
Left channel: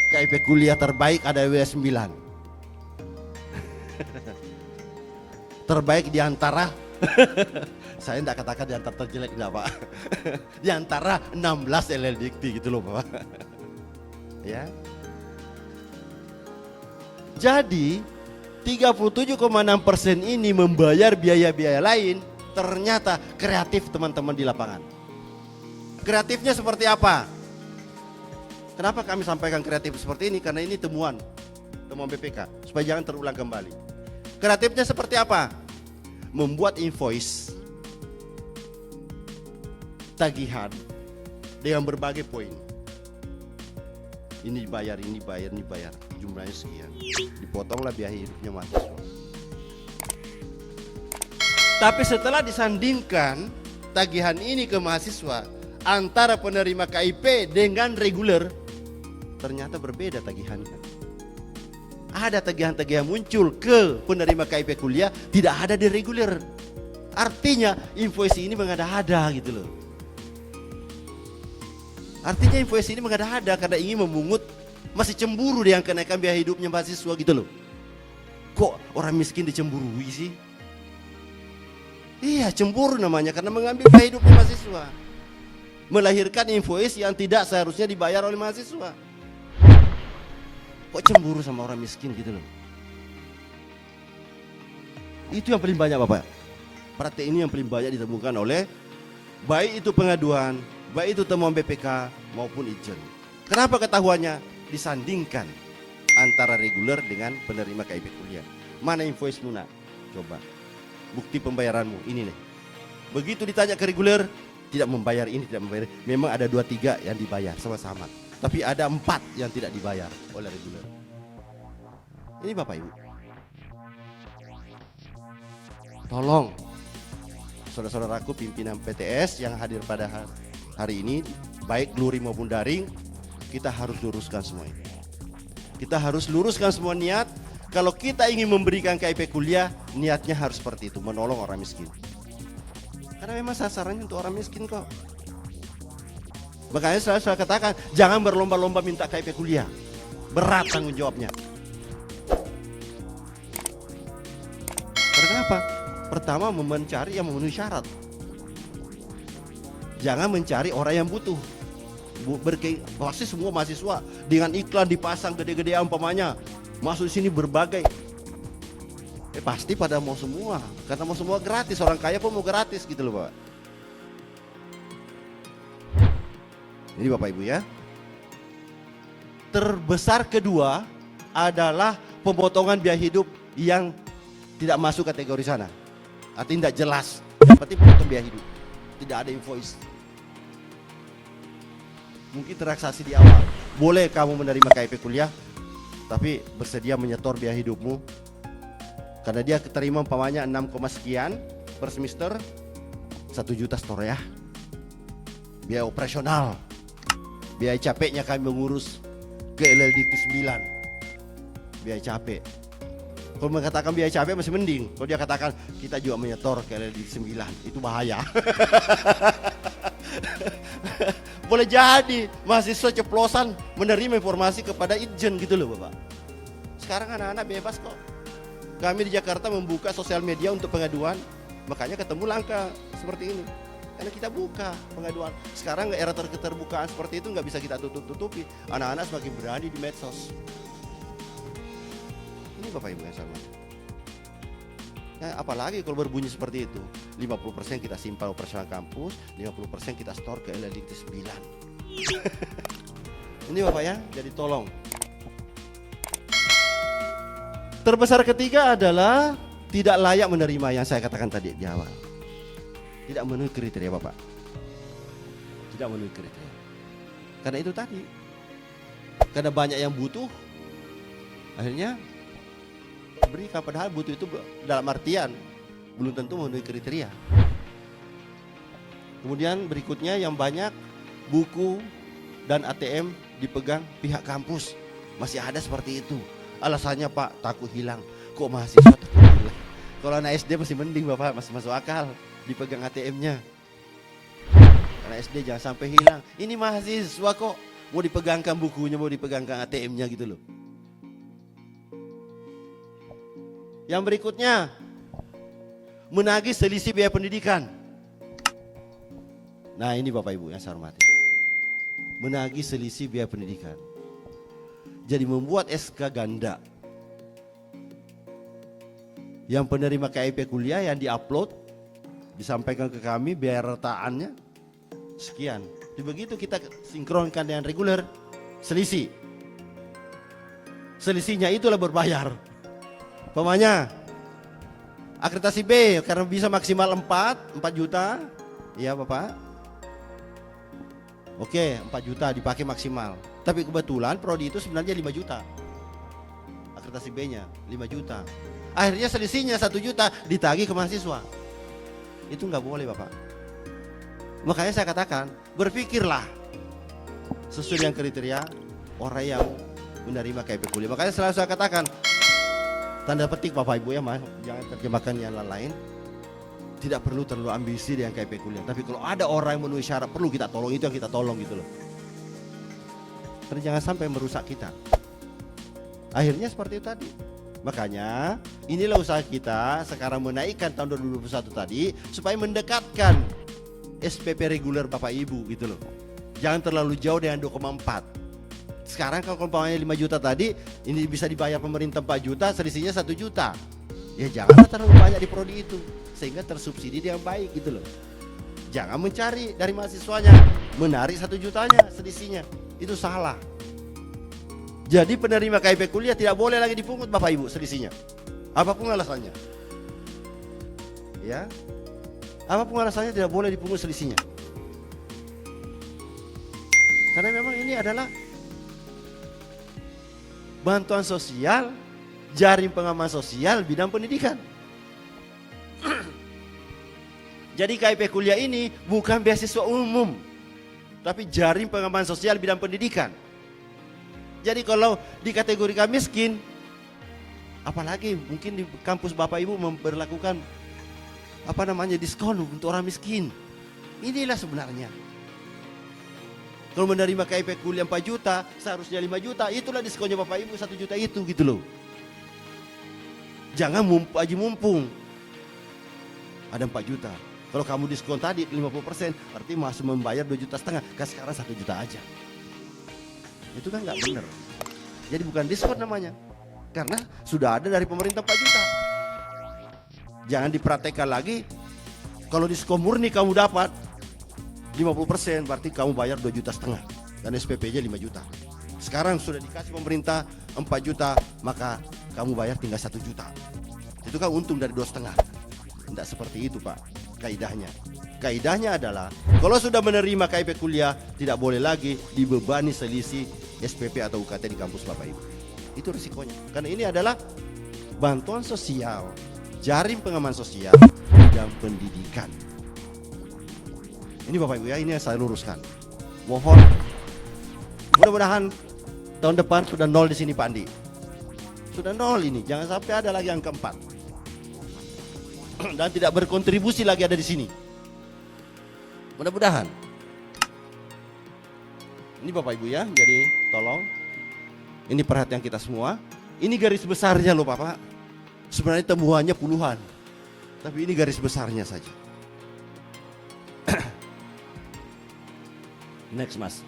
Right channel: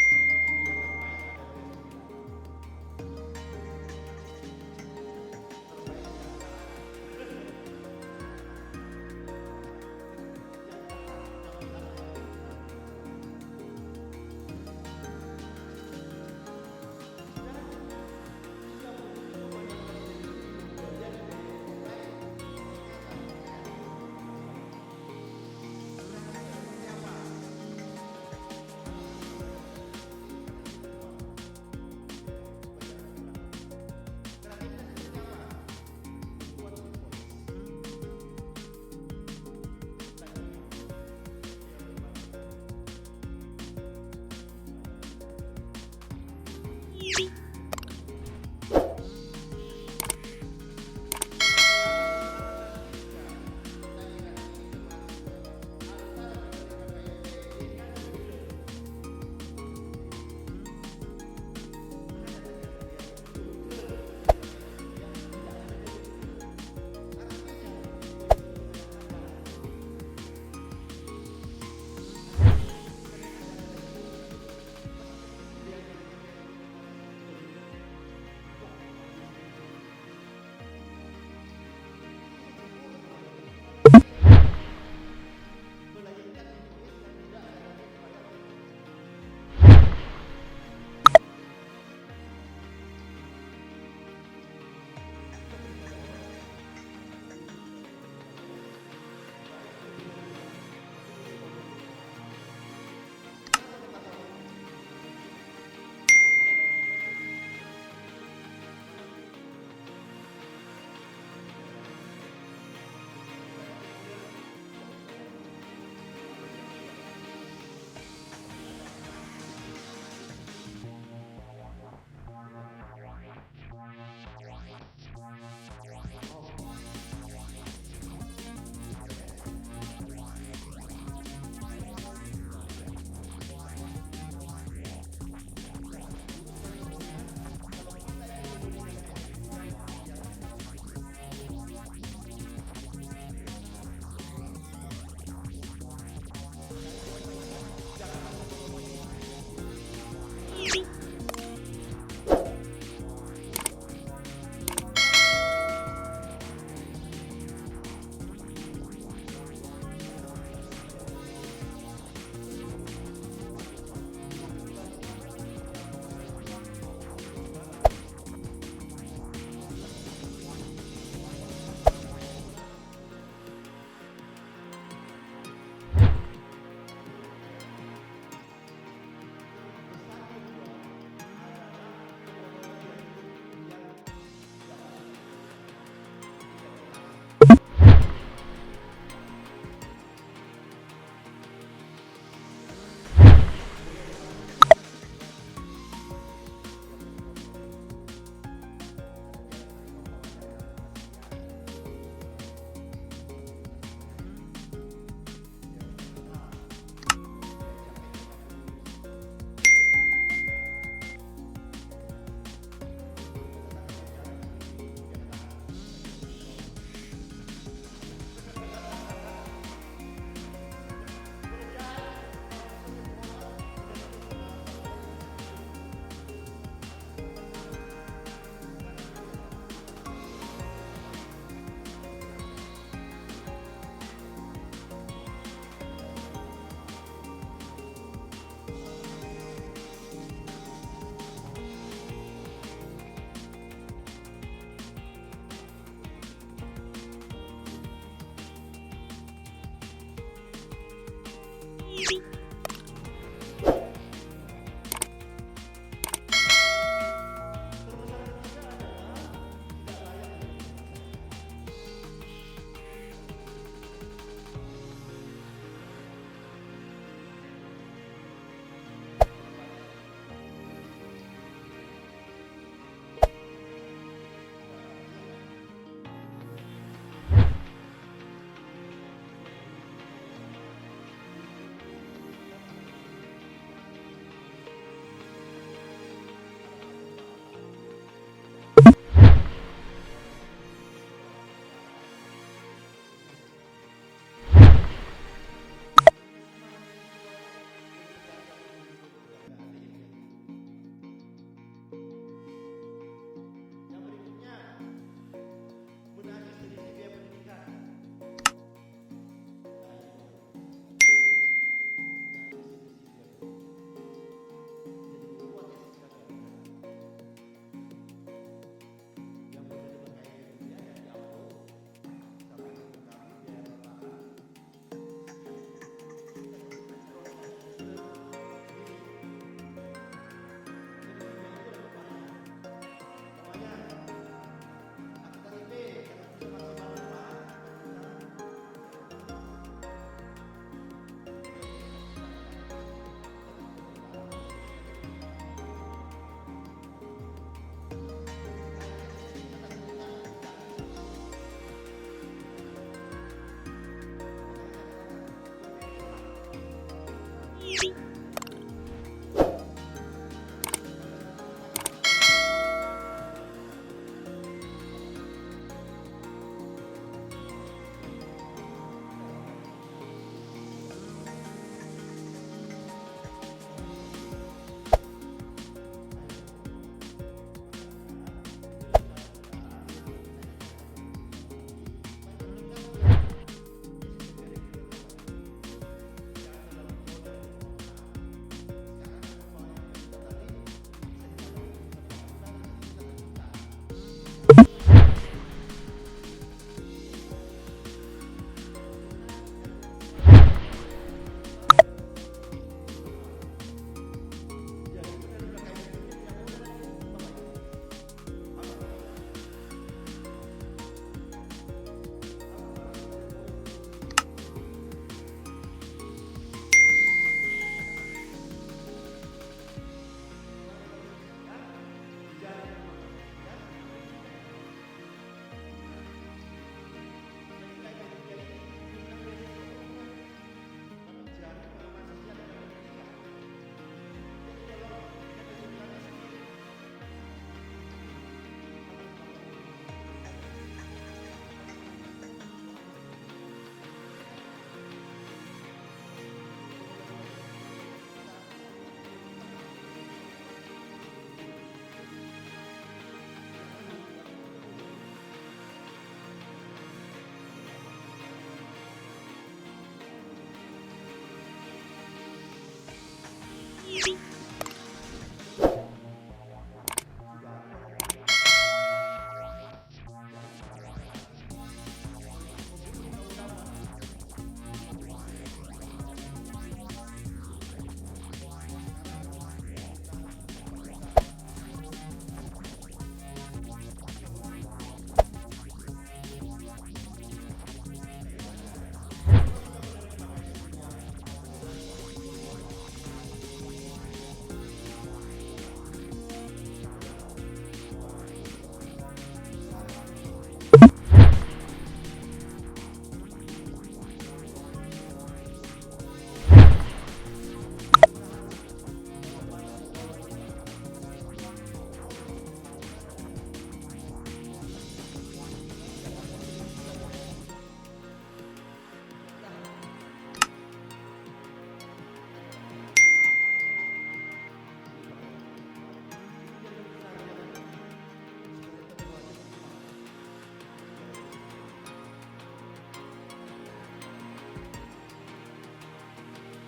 KIP kuliah terbaik ada wilayah 9. Terbaik di antara saya tidak katakan di antara terjelek enggak Pak. Di antara 16 LLDikti gitu loh Pak. Ya. Jadi 37,6% ini membayar biaya-biaya lain, ternyata kreatif teman-teman di lapangan. Kreatifnya seperti apa? Kenapa kami sampaikan kreatif seperti ini? Karena ini temuan BPK supaya jangan terulang kembali. Kreatifnya seperti apa? Membuat invoice tagihan dengan berbagai poin. Ini bayar, ini bayar, ini bayar. Jumlahnya sekian. Dipotonglah biaya hidupnya masuk. Tapi setelah disandingkan tagihan ini ke mahasiswa antara penerima KIP dengan reguler, ternyata berbeda tagihannya. Ada tagihan-tagihan muncul ke penerima KIP kuliah, tidak ada di reguler. Artinya invoice ini mengada-ada gitu loh. Artinya invoice ini mengada-ada karena ingin memungut, masih cemburu dengan kenaikan biaya hidupnya mahasiswa gitu loh. Kok orang miskin dicemburui sih? Iya, cemburu namanya karena mengambil biaya hidup mahasiswa. Melahirkan invoice yang tidak seharusnya dibayar oleh mahasiswa. Kok cemburu sama orang miskin gitu loh. Itu yang paling banyak Bapak. Praktek ini yang paling banyak ditemukan oleh baik itu pengaduan, baik itu temuan BPK maupun Ijen. Kenapa ketahuannya? Disandingkan antara reguler dengan penerima KIP kuliah. Mana invoice Luna? Coba. Bukti pembayaranmu ini nih. Begitu ditanya ke reguler, tidak membayar ini, tidak membayar. Memang ada 2-3 yang dibayar sama-sama. Tapi ada 4 yang tidak dibayar oleh reguler. Ini Bapak Ibu. Tolong saudara-saudaraku pimpinan PTS yang hadir pada hari ini, baik luring maupun daring, kita harus luruskan semua ini. Kita harus luruskan semua niat. Kalau kita ingin memberikan KIP kuliah, niatnya harus seperti itu, menolong orang miskin. Karena memang sasarannya untuk orang miskin kok. Makanya saya katakan, jangan berlomba-lomba minta KIP kuliah. Berat tanggung jawabnya. Kenapa? Pertama, mencari yang memenuhi syarat. Jangan mencari orang yang butuh. Pasti semua mahasiswa dengan iklan dipasang gede-gedean umpamanya. Masuk sini berbagai, pasti pada mau semua, karena mau semua gratis, orang kaya pun mau gratis gitu loh Pak. Ini Bapak Ibu ya. Terbesar kedua adalah pemotongan biaya hidup yang tidak masuk kategori sana. Artinya tidak jelas, berarti bukan biaya hidup, tidak ada invoice. Mungkin transaksi di awal, boleh kamu menerima KIP kuliah, tapi bersedia menyetor biaya hidupmu karena dia keterima umpamanya 6, sekian per semester, 1 juta setor ya. Biaya operasional, biaya capeknya kami mengurus ke LLDK 9, biaya capek. Kalau mengatakan biaya capek masih mending, kalau dia katakan kita juga menyetor ke LLDK 9, itu bahaya. Boleh jadi mahasiswa ceplosan menerima informasi kepada Ijen gitu loh Bapak. Sekarang anak-anak bebas kok. Kami di Jakarta membuka sosial media untuk pengaduan, makanya ketemu langka seperti ini. Karena kita buka pengaduan. Sekarang era keterbukaan seperti itu nggak bisa kita tutup-tutupi. Anak-anak semakin berani di medsos. Ini Bapak Ibu yang sama. Nah, apalagi kalau berbunyi seperti itu. 50% kita simpan operasional kampus, 50% kita store ke LLDK 9. Ini Bapak ya, jadi tolong. Terbesar ketiga adalah tidak layak menerima yang saya katakan tadi di awal. Tidak memenuhi kriteria Bapak. Tidak memenuhi kriteria. Karena itu tadi. Karena banyak yang butuh, akhirnya berikan, padahal butuh itu dalam artian belum tentu memenuhi kriteria. Kemudian berikutnya yang banyak buku dan ATM dipegang pihak kampus. Masih ada seperti itu. Alasannya Pak, takut hilang. Kok mahasiswa takut hilang? Kalau anak SD masih mending Bapak, masih masuk akal dipegang ATM-nya. Anak SD jangan sampai hilang. Ini mahasiswa kok mau dipegangkan bukunya, mau dipegangkan ATM-nya gitu loh. Yang berikutnya, menagih selisih biaya pendidikan. Nah ini Bapak Ibu yang saya hormati, menagih selisih biaya pendidikan. Jadi membuat SK ganda. Yang penerima KIP kuliah yang diupload, disampaikan ke kami biaya retaannya sekian. Begitu kita sinkronkan dengan reguler, selisih. Selisihnya itulah berbayar. Pemanya akreditasi B karena bisa maksimal 4 juta. Iya Bapak. Oke, 4 juta dipakai maksimal. Tapi kebetulan prodi itu sebenarnya 5 juta. Akreditasi B-nya 5 juta. Akhirnya selisihnya 1 juta ditagih ke mahasiswa. Itu nggak boleh Bapak. Makanya saya katakan, berpikirlah sesuai dengan kriteria orang yang menerima KIP kuliah. Makanya selalu saya katakan, tanda petik Bapak Ibu ya, jangan terjemahkan yang lain. Tidak perlu terlalu ambisi dengan KIP kuliah. Tapi kalau ada orang yang memenuhi syarat, perlu kita tolong, itu yang kita tolong gitu loh. Tapi jangan sampai merusak kita. Akhirnya seperti itu tadi. Makanya inilah usaha kita sekarang menaikkan tahun 2021 tadi supaya mendekatkan SPP reguler Bapak Ibu gitu loh. Jangan terlalu jauh dengan 2,4. Sekarang kalau umpamanya 5 juta tadi, ini bisa dibayar pemerintah 4 juta, selisihnya 1 juta. Ya jangan terlalu banyak di prodi itu, sehingga tersubsidi yang baik gitu loh. Jangan mencari dari mahasiswanya, menarik 1 jutanya selisihnya, itu salah. Jadi penerima KIP kuliah tidak boleh lagi dipungut Bapak Ibu selisihnya, apapun alasannya. Ya, apapun alasannya tidak boleh dipungut selisihnya. Karena memang ini adalah bantuan sosial, jaring pengaman sosial bidang pendidikan. Jadi KIP kuliah ini bukan beasiswa umum, tapi jaring pengaman sosial bidang pendidikan. Jadi kalau dikategorikan miskin, apalagi mungkin di kampus Bapak Ibu memberlakukan diskon untuk orang miskin. Inilah sebenarnya. Kalau menerima KIP kuliah 4 juta, seharusnya 5 juta, itulah diskonnya Bapak Ibu 1 juta itu gitu loh. Jangan mumpung. Ada 4 juta. Kalau kamu diskon tadi 50%, berarti masih membayar 2,5 juta, kan sekarang 1 juta aja. Itu kan nggak benar. Jadi bukan diskon namanya, karena sudah ada dari pemerintah 4 juta. Jangan dipraktekkan lagi. Kalau diskon murni kamu dapat 50%, berarti kamu bayar 2,5 juta dan SPP-nya 5 juta. Sekarang sudah dikasih pemerintah 4 juta, maka kamu bayar tinggal 1 juta. Itu kan untung dari 2,5. Tidak seperti itu Pak kaidahnya. Kaidahnya adalah kalau sudah menerima KIP kuliah, tidak boleh lagi dibebani selisih SPP atau UKT di kampus Bapak Ibu. Itu risikonya. Karena ini adalah bantuan sosial, jaring pengaman sosial dan pendidikan. Ini Bapak Ibu ya, ini yang saya luruskan. Mohon mudah-mudahan tahun depan sudah 0 di sini Pak Andi. Sudah 0 ini, jangan sampai ada lagi angka 4. Dan tidak berkontribusi lagi ada di sini. Mudah-mudahan. Ini Bapak Ibu ya, jadi tolong. Ini perhatian kita semua. Ini garis besarnya loh Bapak. Sebenarnya temuannya puluhan. Tapi ini garis besarnya saja. Next Mas.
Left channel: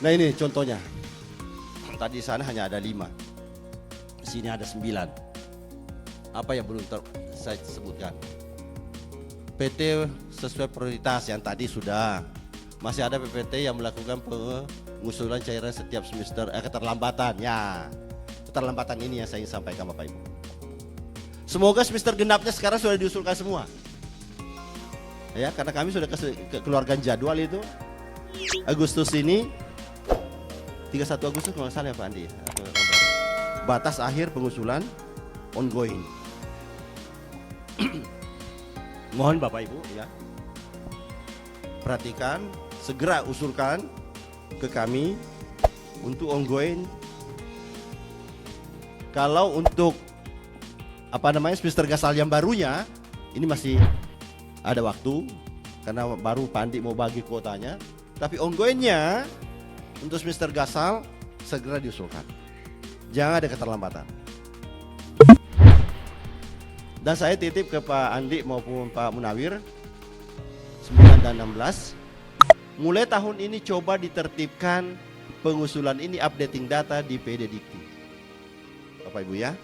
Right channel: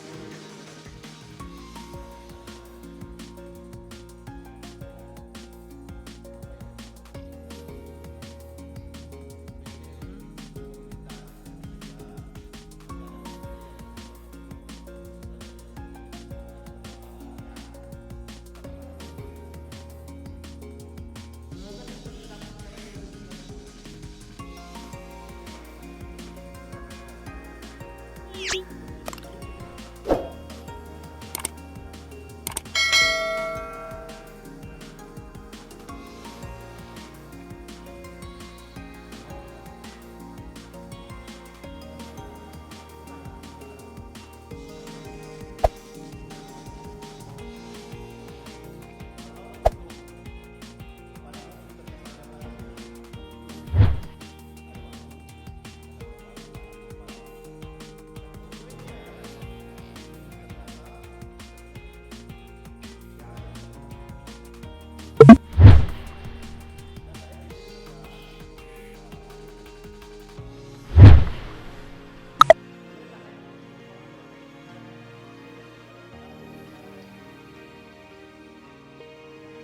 Nah ini contohnya. Tadi sana hanya ada 5. Sini ada 9. Apa yang belum saya sebutkan? PT sesuai prioritas yang tadi sudah. Masih ada PPT yang melakukan pengusulan cairan setiap semester. Keterlambatan ya. Keterlambatan ini yang saya ingin sampaikan Bapak Ibu. Semoga semester genapnya sekarang sudah diusulkan semua. Ya, karena kami sudah keluarkan jadwal itu. Agustus ini 31 Agustus kalau salah ya Pak Andi. Batas akhir pengusulan ongoing. Mohon Bapak Ibu ya, perhatikan, segera usulkan ke kami untuk ongoing. Kalau untuk semester gasal yang barunya, ini masih ada waktu karena baru Pak Andi mau bagi kuotanya. Tapi ongoingnya untuk semester gasal segera diusulkan. Jangan ada keterlambatan. Dan saya titip ke Pak Andi maupun Pak Munawir 9 dan 16. Mulai tahun ini coba ditertibkan pengusulan ini, updating data di PD Dikti. Bapak Ibu ya.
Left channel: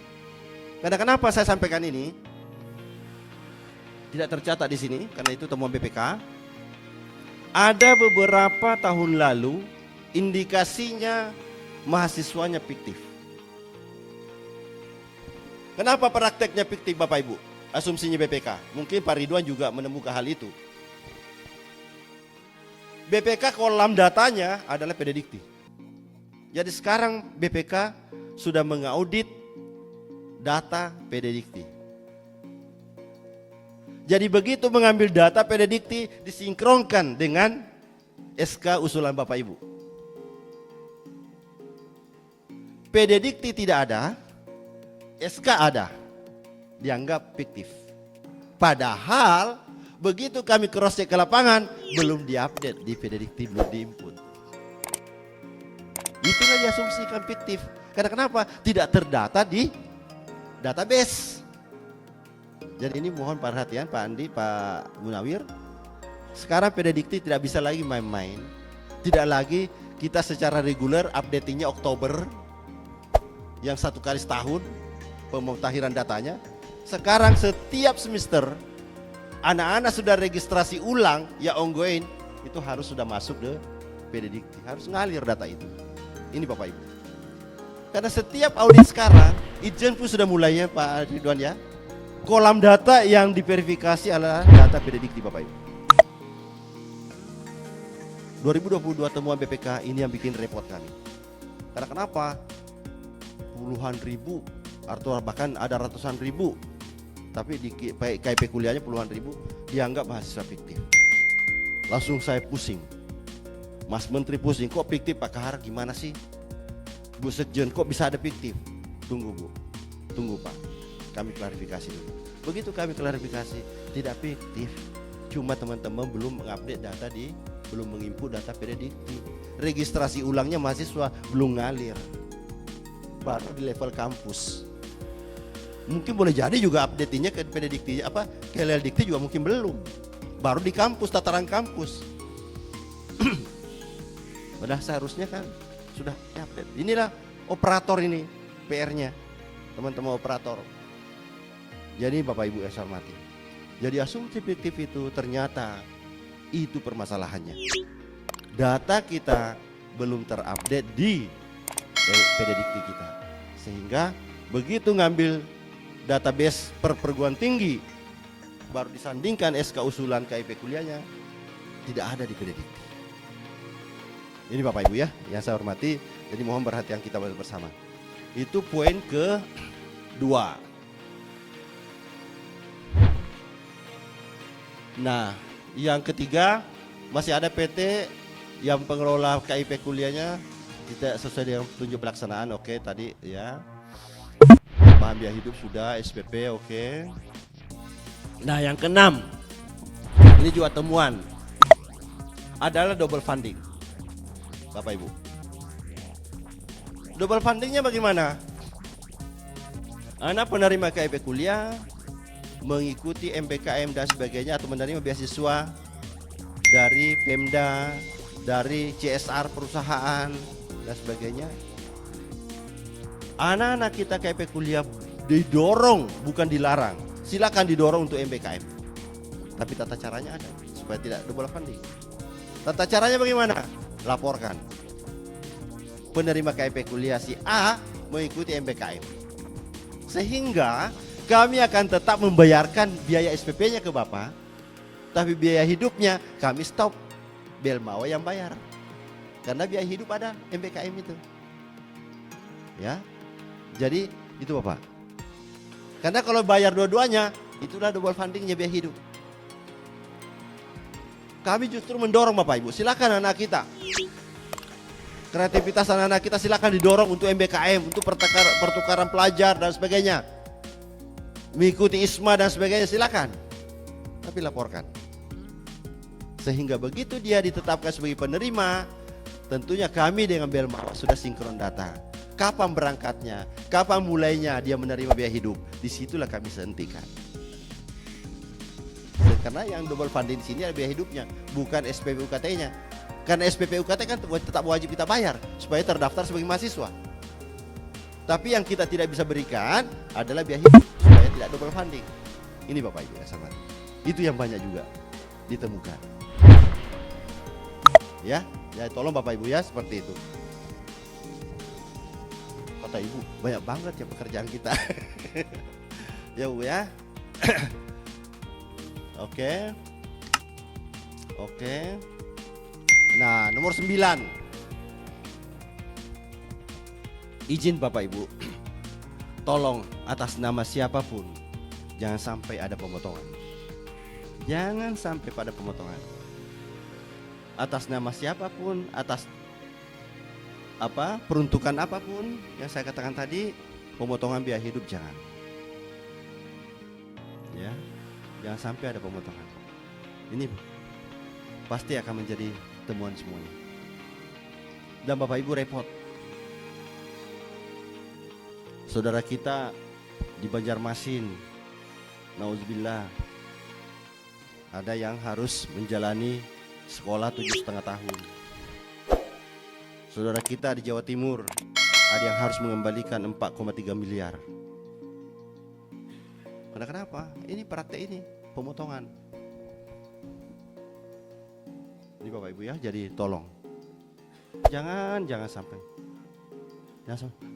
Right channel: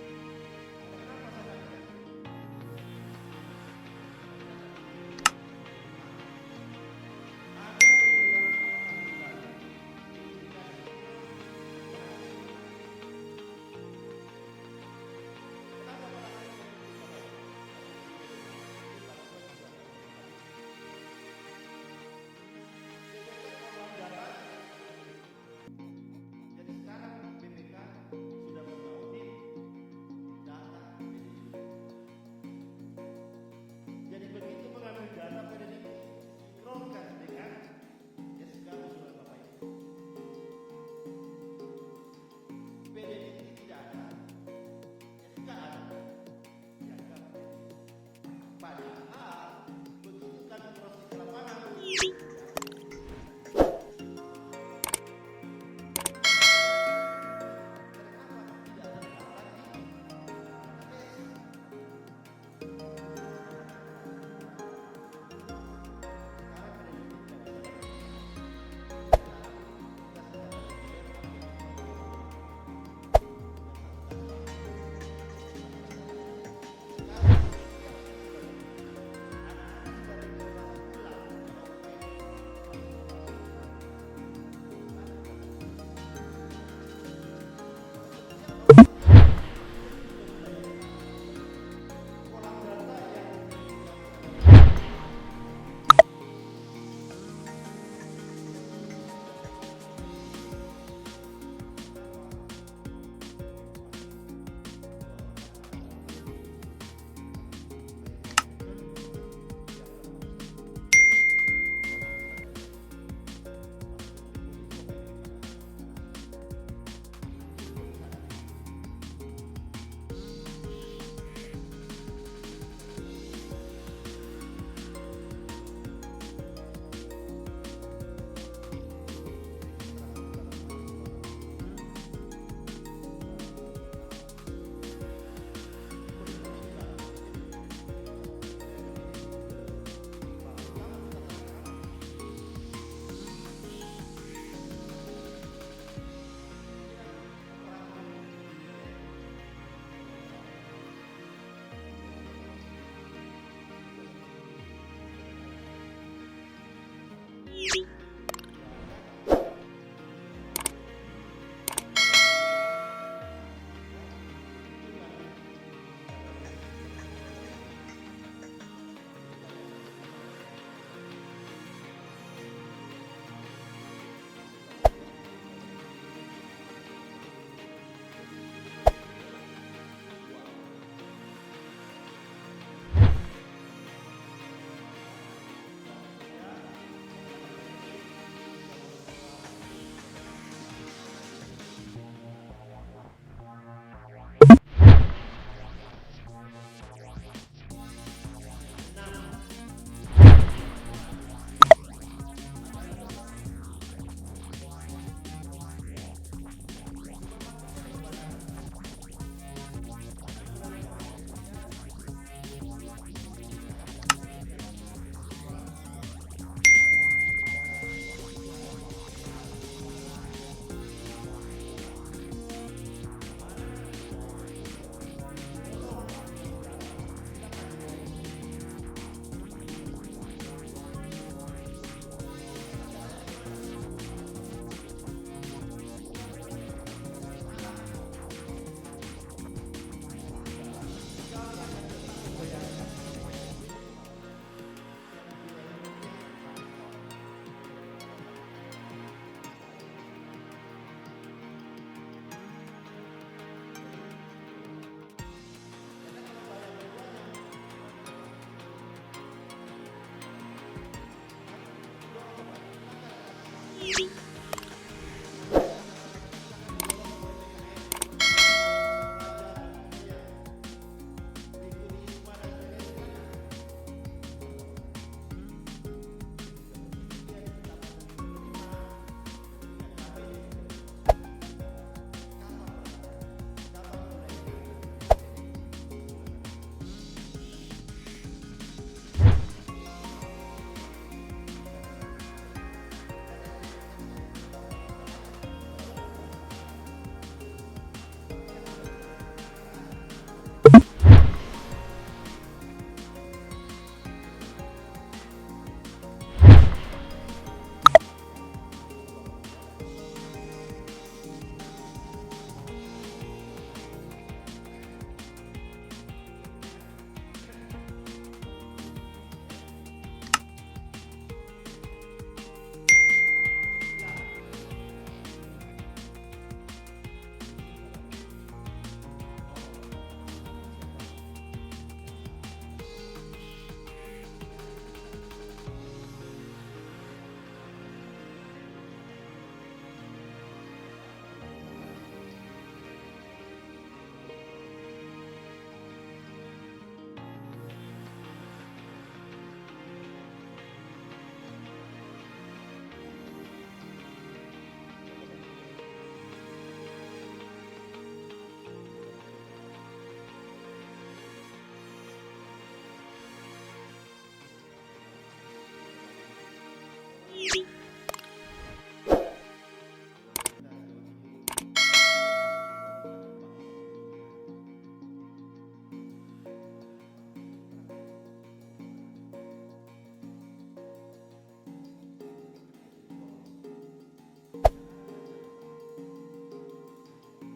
Karena kenapa saya sampaikan ini? Tidak tercatat di sini karena itu temuan BPK. Ada beberapa tahun lalu indikasinya mahasiswanya fiktif. Kenapa prakteknya fiktif Bapak Ibu? Asumsinya BPK. Mungkin Pak Ridwan juga menemukan hal itu. BPK kolam datanya adalah PD Dikti. Jadi sekarang BPK sudah mengaudit data PD Dikti. Jadi begitu mengambil data pededikti disinkronkan dengan SK usulan Bapak Ibu. Pededikti tidak ada, SK ada, dianggap fiktif. Padahal begitu kami cross check ke lapangan, belum diupdate di pededikti, belum diinput. Itulah diasumsikan fiktif. Karena kenapa? Tidak terdata di database. Jadi ini mohon perhatian Pak Andi, Pak Munawir. Sekarang pededikti tidak bisa lagi main-main. Tidak lagi kita secara reguler updatingnya Oktober, yang 1 kali setahun pemutahiran datanya. Sekarang setiap semester anak-anak sudah registrasi ulang ya ongoing, itu harus sudah masuk ke pededikti, harus ngalir data itu. Ini Bapak Ibu. Karena setiap audit sekarang, Itjen pun sudah mulainya Pak Ridwan ya. Kolam data yang diverifikasi adalah data pededikti Bapak Ibu. 2022 temuan BPK ini yang bikin repot kan. Karena kenapa? Puluhan ribu atau bahkan ada ratusan ribu, tapi di KIP kuliahnya puluhan ribu dianggap mahasiswa fiktif. Langsung saya pusing, Mas Menteri pusing, kok fiktif Pak Kahar, gimana sih Bu Sekjen, kok bisa ada fiktif? Tunggu Bu, tunggu Pak, kami klarifikasi. Begitu kami klarifikasi, tidak fiktif, cuma teman-teman belum mengupdate data belum menginput data pededikti. Registrasi ulangnya mahasiswa belum ngalir, baru di level kampus. Mungkin boleh jadi juga update-nya ke pededikti ke LLDikti juga mungkin belum. Baru di kampus, tataran kampus. Padahal seharusnya kan sudah update. Inilah operator ini PR-nya, teman-teman operator. Jadi Bapak Ibu yang saya hormati, jadi asumsi fiktif itu ternyata itu permasalahannya. Data kita belum terupdate di pededikti kita, sehingga begitu ngambil database perguruan tinggi baru disandingkan SK usulan KIP kuliahnya, tidak ada di pededikti. Ini Bapak Ibu ya yang saya hormati, jadi mohon perhatian kita bersama. Itu poin kedua. Nah, yang ketiga masih ada PT yang pengelola KIP kuliahnya tidak sesuai dengan petunjuk pelaksanaan. Oke, tadi ya. Tambahan biaya hidup sudah, SPP oke. Nah, yang keenam, ini juga temuan adalah double funding, Bapak Ibu. Double fundingnya bagaimana? Anak penerima KIP kuliah mengikuti MPKM dan sebagainya atau menerima beasiswa dari Pemda, dari CSR perusahaan dan sebagainya. Anak-anak kita KIP kuliah didorong, bukan dilarang. Silakan didorong untuk MPKM. Tapi tata caranya ada supaya tidak double funding. Tata caranya bagaimana? Laporkan. Penerima KIP kuliah si A mengikuti MPKM. Sehingga kami akan tetap membayarkan biaya SPP-nya ke Bapak, tapi biaya hidupnya kami stop, Belmawa yang bayar. Karena biaya hidup ada MPKM itu. Ya. Jadi itu Bapak. Karena kalau bayar dua-duanya, itulah double fundingnya biaya hidup. Kami justru mendorong Bapak Ibu, silakan anak kita. Kreativitas anak-anak kita silakan didorong untuk MBKM, untuk pertukaran pelajar dan sebagainya. Mengikuti ISMA dan sebagainya silakan. Tapi laporkan. Sehingga begitu dia ditetapkan sebagai penerima, tentunya kami dengan Belmawa sudah sinkron data. Kapan berangkatnya, kapan mulainya dia menerima biaya hidup, disitulah kami hentikan. Karena yang double funding di sini adalah biaya hidupnya, bukan SPP UKT-nya. Karena SPP UKT kan tetap wajib kita bayar supaya terdaftar sebagai mahasiswa. Tapi yang kita tidak bisa berikan adalah biaya hidup, supaya tidak double funding. Ini Bapak Ibu yang sabar. Itu yang banyak juga ditemukan. Ya tolong Bapak Ibu ya seperti itu. Bapak Ibu banyak banget ya pekerjaan kita. Ya Bu ya. Oke. Nah, nomor 9. Izin Bapak Ibu. Tolong atas nama siapapun jangan sampai ada pemotongan. Jangan sampai pada pemotongan atas nama siapapun, atas peruntukan apapun yang saya katakan tadi. Pemotongan biaya hidup jangan, ya, jangan sampai ada pemotongan. Ini pasti akan menjadi temuan semuanya. Dan Bapak Ibu repot, saudara kita di Banjarmasin, nauzubillah, ada yang harus menjalani sekolah 7,5 tahun. Saudara kita di Jawa Timur ada yang harus mengembalikan 4,3 miliar. Karena kenapa? Ini praktek ini pemotongan. Ini Bapak Ibu ya, jadi tolong jangan sampai.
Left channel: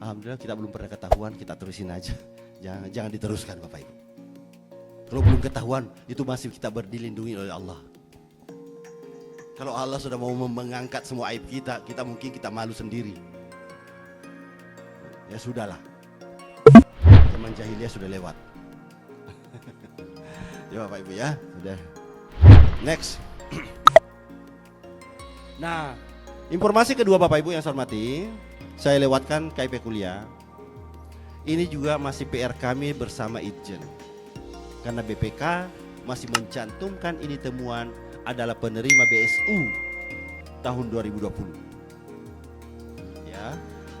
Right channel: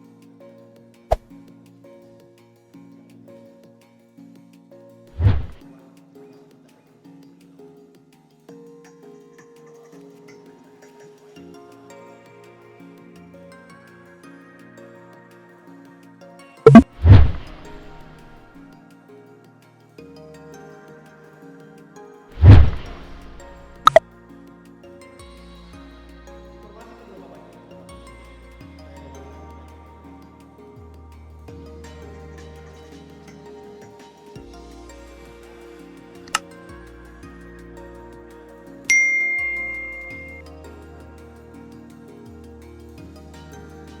Alhamdulillah kita belum pernah ketahuan, kita terusin aja. Jangan diteruskan Bapak Ibu. Kalau belum ketahuan, itu masih kita dilindungi oleh Allah. Kalau Allah sudah mau mengangkat semua aib kita mungkin kita malu sendiri. Ya sudahlah, zaman jahiliyah sudah lewat. Ya Bapak Ibu ya, sudah. Next. Nah, informasi kedua Bapak Ibu yang saya hormati, saya lewatkan KIP kuliah. Ini juga masih PR kami bersama Itjen. Karena BPK masih mencantumkan ini temuan adalah penerima BSU tahun 2020. Ya.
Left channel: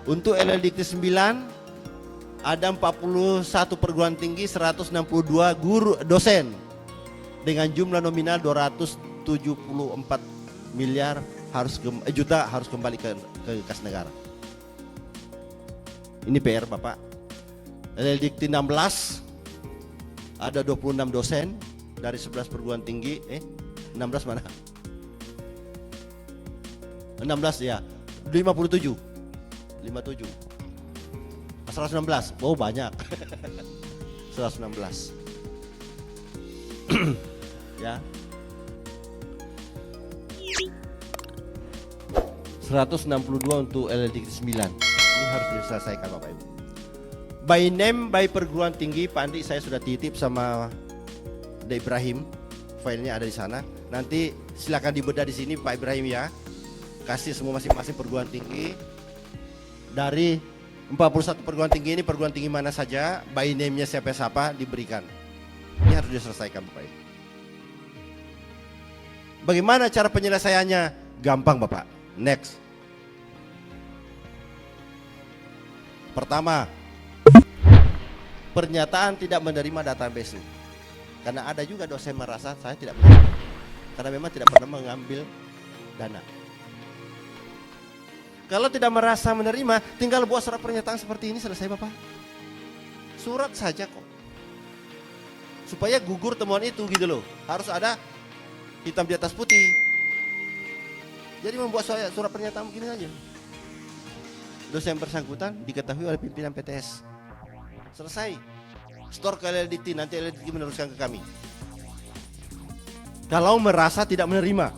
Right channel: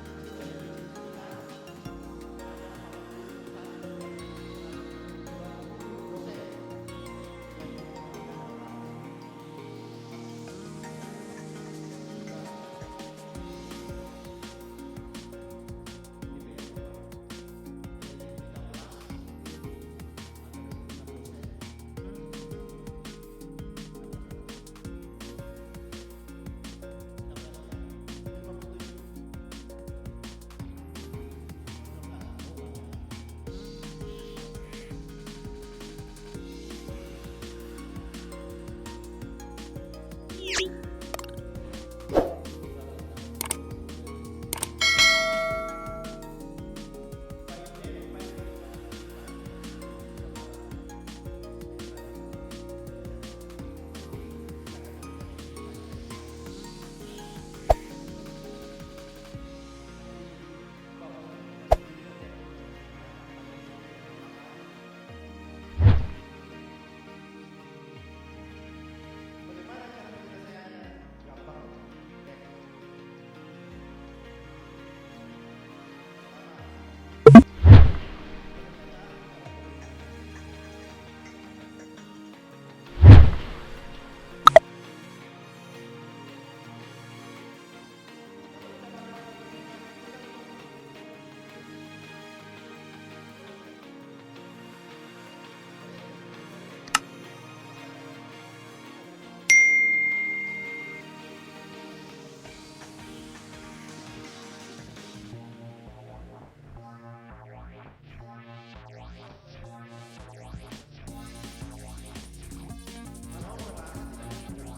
Untuk LLDikti 9 ada 41 perguruan tinggi, 162 guru dosen dengan jumlah nominal 274 miliar juta harus kembali ke kas negara. Ini PR Bapak. LLDikti 16 ada 26 dosen dari 11 perguruan tinggi. 16 mana? 16 ya. 57. 116. Oh banyak. 116. Ya. 162 untuk LLDikti 9. Ini harus diselesaikan Bapak Ibu. By name, by perguruan tinggi, Pak Andi saya sudah titip sama De Ibrahim. Filenya ada di sana. Nanti silakan dibedah di sini Pak Ibrahim ya. Kasih semua masing-masing perguruan tinggi. Dari 41 perguruan tinggi ini perguruan tinggi mana saja, by name-nya siapa diberikan. Ini harus diselesaikan Bapak. Bagaimana cara penyelesaiannya? Gampang Bapak. Next. Pertama, pernyataan tidak menerima database. Karena ada juga dosen merasa saya tidak pernah, karena memang tidak pernah mengambil dana. Kalau tidak merasa menerima, tinggal buat surat pernyataan seperti ini, selesai Bapak. Surat saja kok. Supaya gugur temuan itu gitu loh. Harus ada hitam di atas putih. Jadi membuat surat pernyataan begini aja. Dosen bersangkutan diketahui oleh pimpinan PTS. Selesai. Store ke LLDikti, nanti LLDikti meneruskan ke kami. Kalau merasa tidak menerima,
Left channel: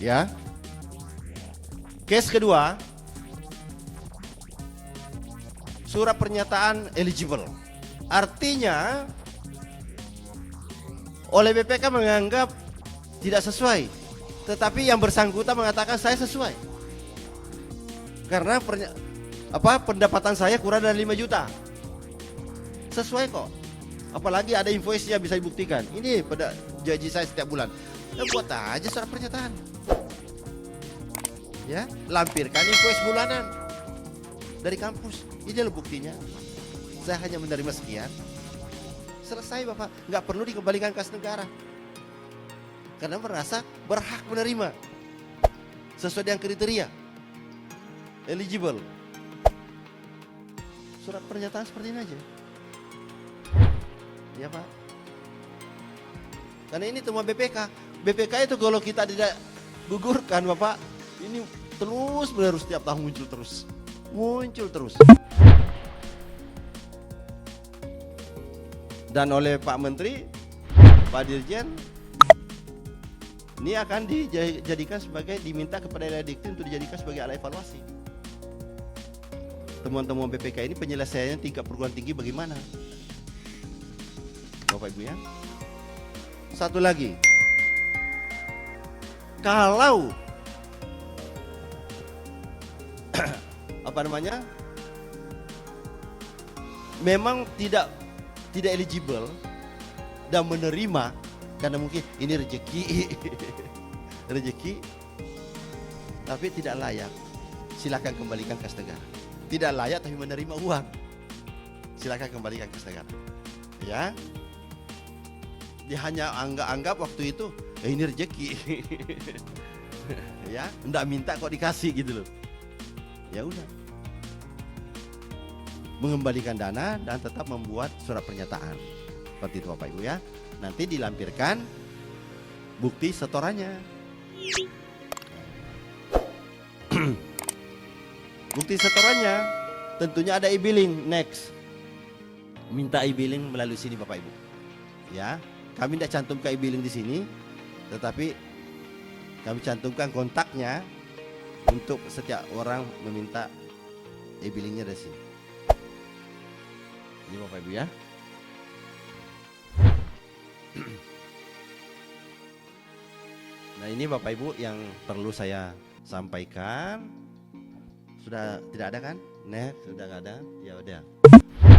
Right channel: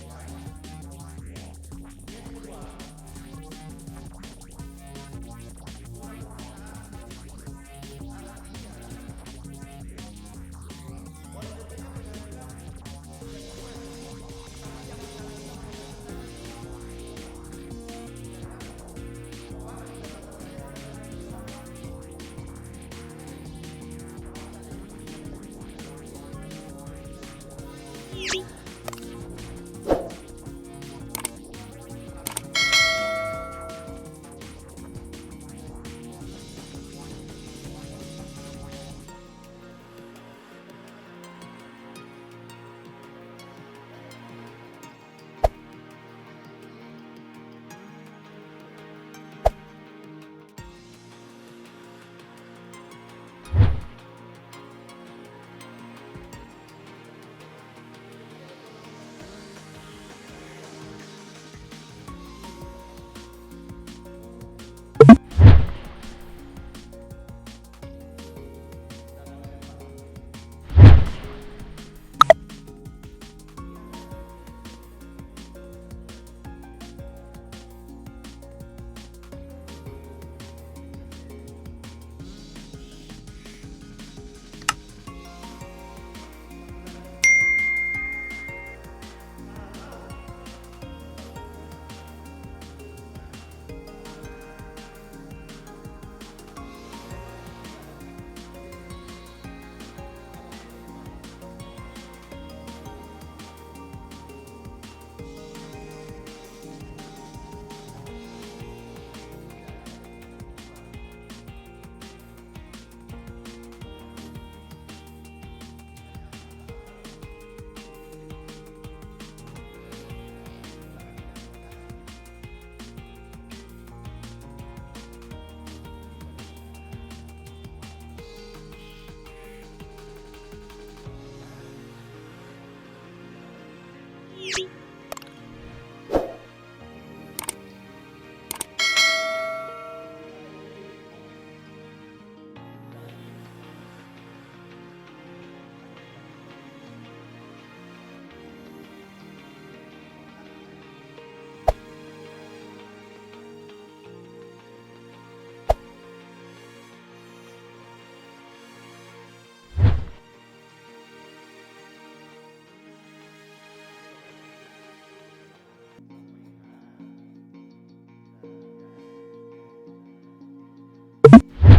ya. Case kedua, surat pernyataan eligible. Artinya oleh BPK menganggap tidak sesuai, tetapi yang bersangkutan mengatakan saya sesuai. Karena pendapatan saya kurang dari 5 juta. Sesuai kok. Apalagi ada invoice-nya bisa dibuktikan. Ini pada gaji saya setiap bulan. Ya buat aja surat pernyataan. Ya, lampirkan invoice bulanan dari kampus. Ini loh buktinya. Saya hanya menerima sekian. Selesai Bapak, nggak perlu dikembalikan kas negara. Karena merasa berhak menerima sesuai dengan kriteria eligible. Surat pernyataan seperti ini aja. Ya Pak. Karena ini temuan BPK. BPK itu kalau kita tidak gugurkan Bapak, ini terus menerus setiap tahun muncul terus. Dan oleh Pak Menteri, Pak Dirjen, ini akan dijadikan sebagai, diminta kepada LLDikti untuk dijadikan sebagai alat evaluasi. Temuan-temuan BPK ini penyelesaiannya tingkat perguruan tinggi bagaimana? Bapak Ibu ya. Satu lagi, kalau memang tidak eligible dan menerima karena mungkin ini rezeki tapi tidak layak, silakan kembalikan kas negara. Tidak layak tapi menerima uang, silakan kembalikan kas negara. Ya, dia hanya anggap waktu itu ini rezeki. Ya, enggak minta kok dikasih gitu loh. Ya udah, mengembalikan dana dan tetap membuat surat pernyataan seperti itu Bapak Ibu ya. Nanti dilampirkan bukti setorannya. Bukti setorannya tentunya ada e-billing. Next, minta e-billing melalui sini Bapak Ibu ya. Kami tidak cantumkan e-billing di sini, tetapi kami cantumkan kontaknya untuk setiap orang meminta e-billingnya dari sini. Ini Bapak Ibu ya. Nah, ini Bapak Ibu yang perlu saya sampaikan. Sudah tidak ada kan? Next, sudah nggak ada. Ya udah.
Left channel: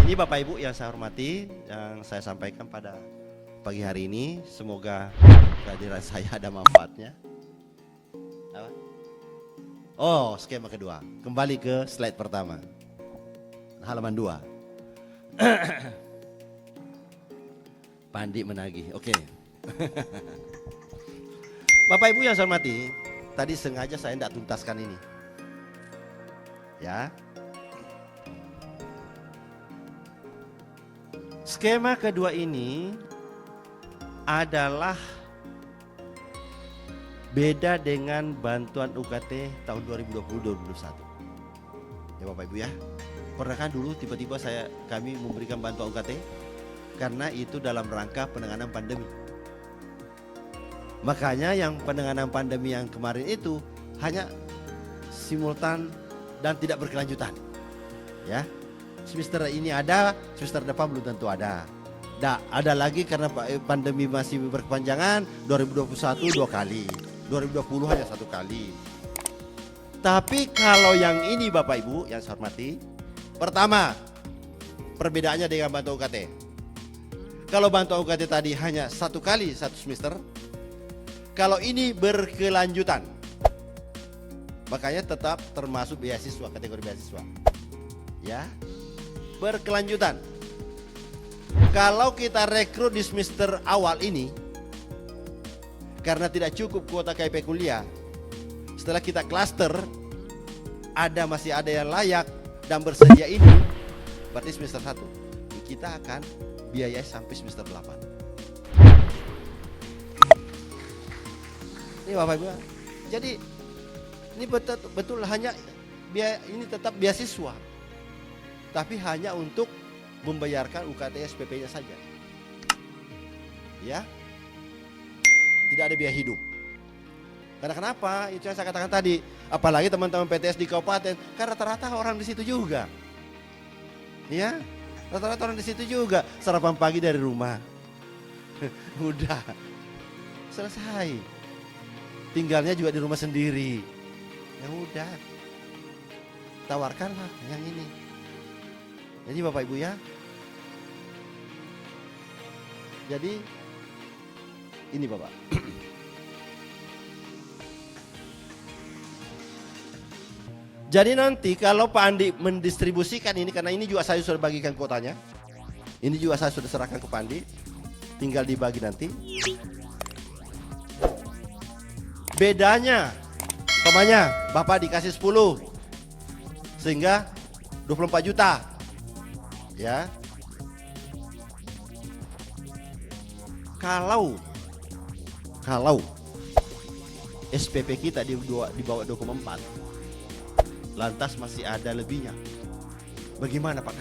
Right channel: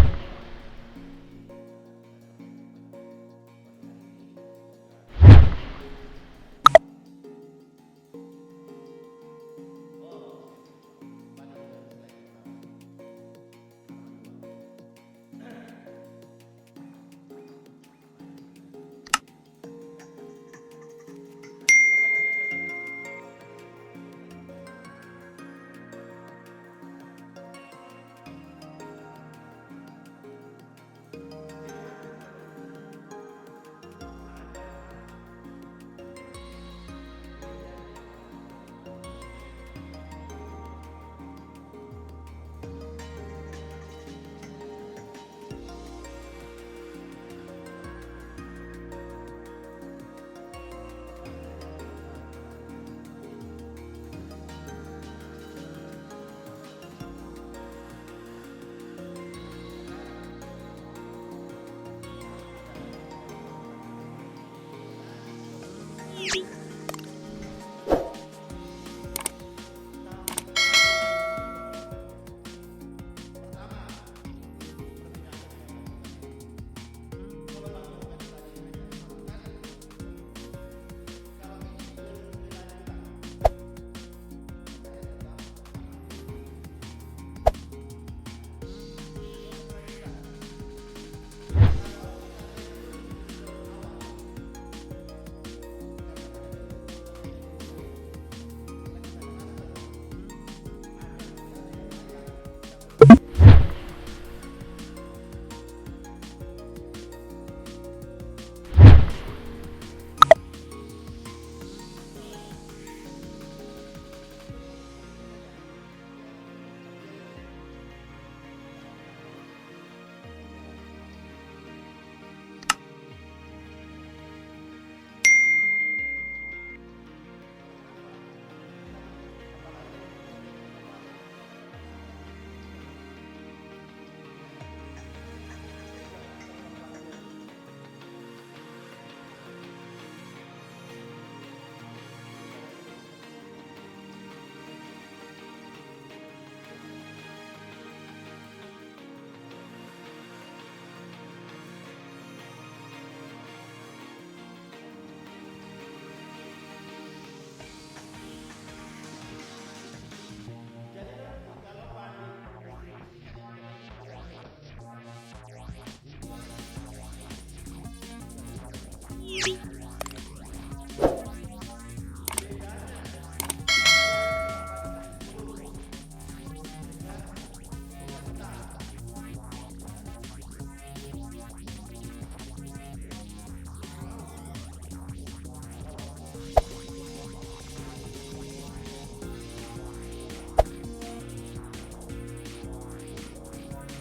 Ini Bapak Ibu yang saya hormati, yang saya sampaikan pada pagi hari ini. Semoga kehadiran saya ada manfaatnya. Oh, skema kedua. Kembali ke slide pertama. Halaman 2. Pandi menagih. Oke. Bapak Ibu yang saya hormati, tadi sengaja saya tidak tuntaskan ini. Ya. Skema kedua ini adalah beda dengan bantuan UKT tahun 2020-2021. Ya Bapak Ibu ya. Pernahkah dulu tiba-tiba kami memberikan bantuan UKT? Karena itu dalam rangka penanganan pandemi. Makanya yang penanganan pandemi yang kemarin itu hanya simultan dan tidak berkelanjutan. Ya. Semester ini ada, semester depan belum tentu ada. Ada lagi karena pandemi masih berkepanjangan, 2021 2 kali, 2020 hanya 1 kali. Tapi kalau yang ini Bapak Ibu yang saya hormati, pertama perbedaannya dengan bantuan UKT. Kalau bantuan UKT tadi hanya 1 kali 1 semester, kalau ini berkelanjutan, makanya tetap termasuk beasiswa, kategori beasiswa. Ya, berkelanjutan. Kalau kita rekrut di semester awal ini, karena tidak cukup kuota KIP kuliah, setelah kita klaster, masih ada yang layak dan bersedia ini, berarti semester 1 kita akan biayai sampai semester 8. Ini Bapak Ibu. Jadi ini betul hanya ini tetap beasiswa, tapi hanya untuk membayarkan UKT SPP-nya saja. Ya, tidak ada biaya hidup. Karena kenapa? Itu yang saya katakan tadi. Apalagi teman-teman PTS di kabupaten, kan rata-rata orang di situ juga. Ya, rata-rata orang di situ juga. Sarapan pagi dari rumah, udah selesai. Tinggalnya juga di rumah sendiri. Ya udah, tawarkanlah yang ini. Jadi Bapak Ibu ya. Jadi ini Bapak. Jadi nanti kalau Pak Andi mendistribusikan ini, karena ini juga saya sudah bagikan kuotanya. Ini juga saya sudah serahkan ke Pak Andi. Tinggal dibagi nanti. Bedanya, umpamanya Bapak dikasih 10, sehingga 24 juta. Ya. Kalau SPP kita di bawah 24, lantas masih ada lebihnya, bagaimana Pak?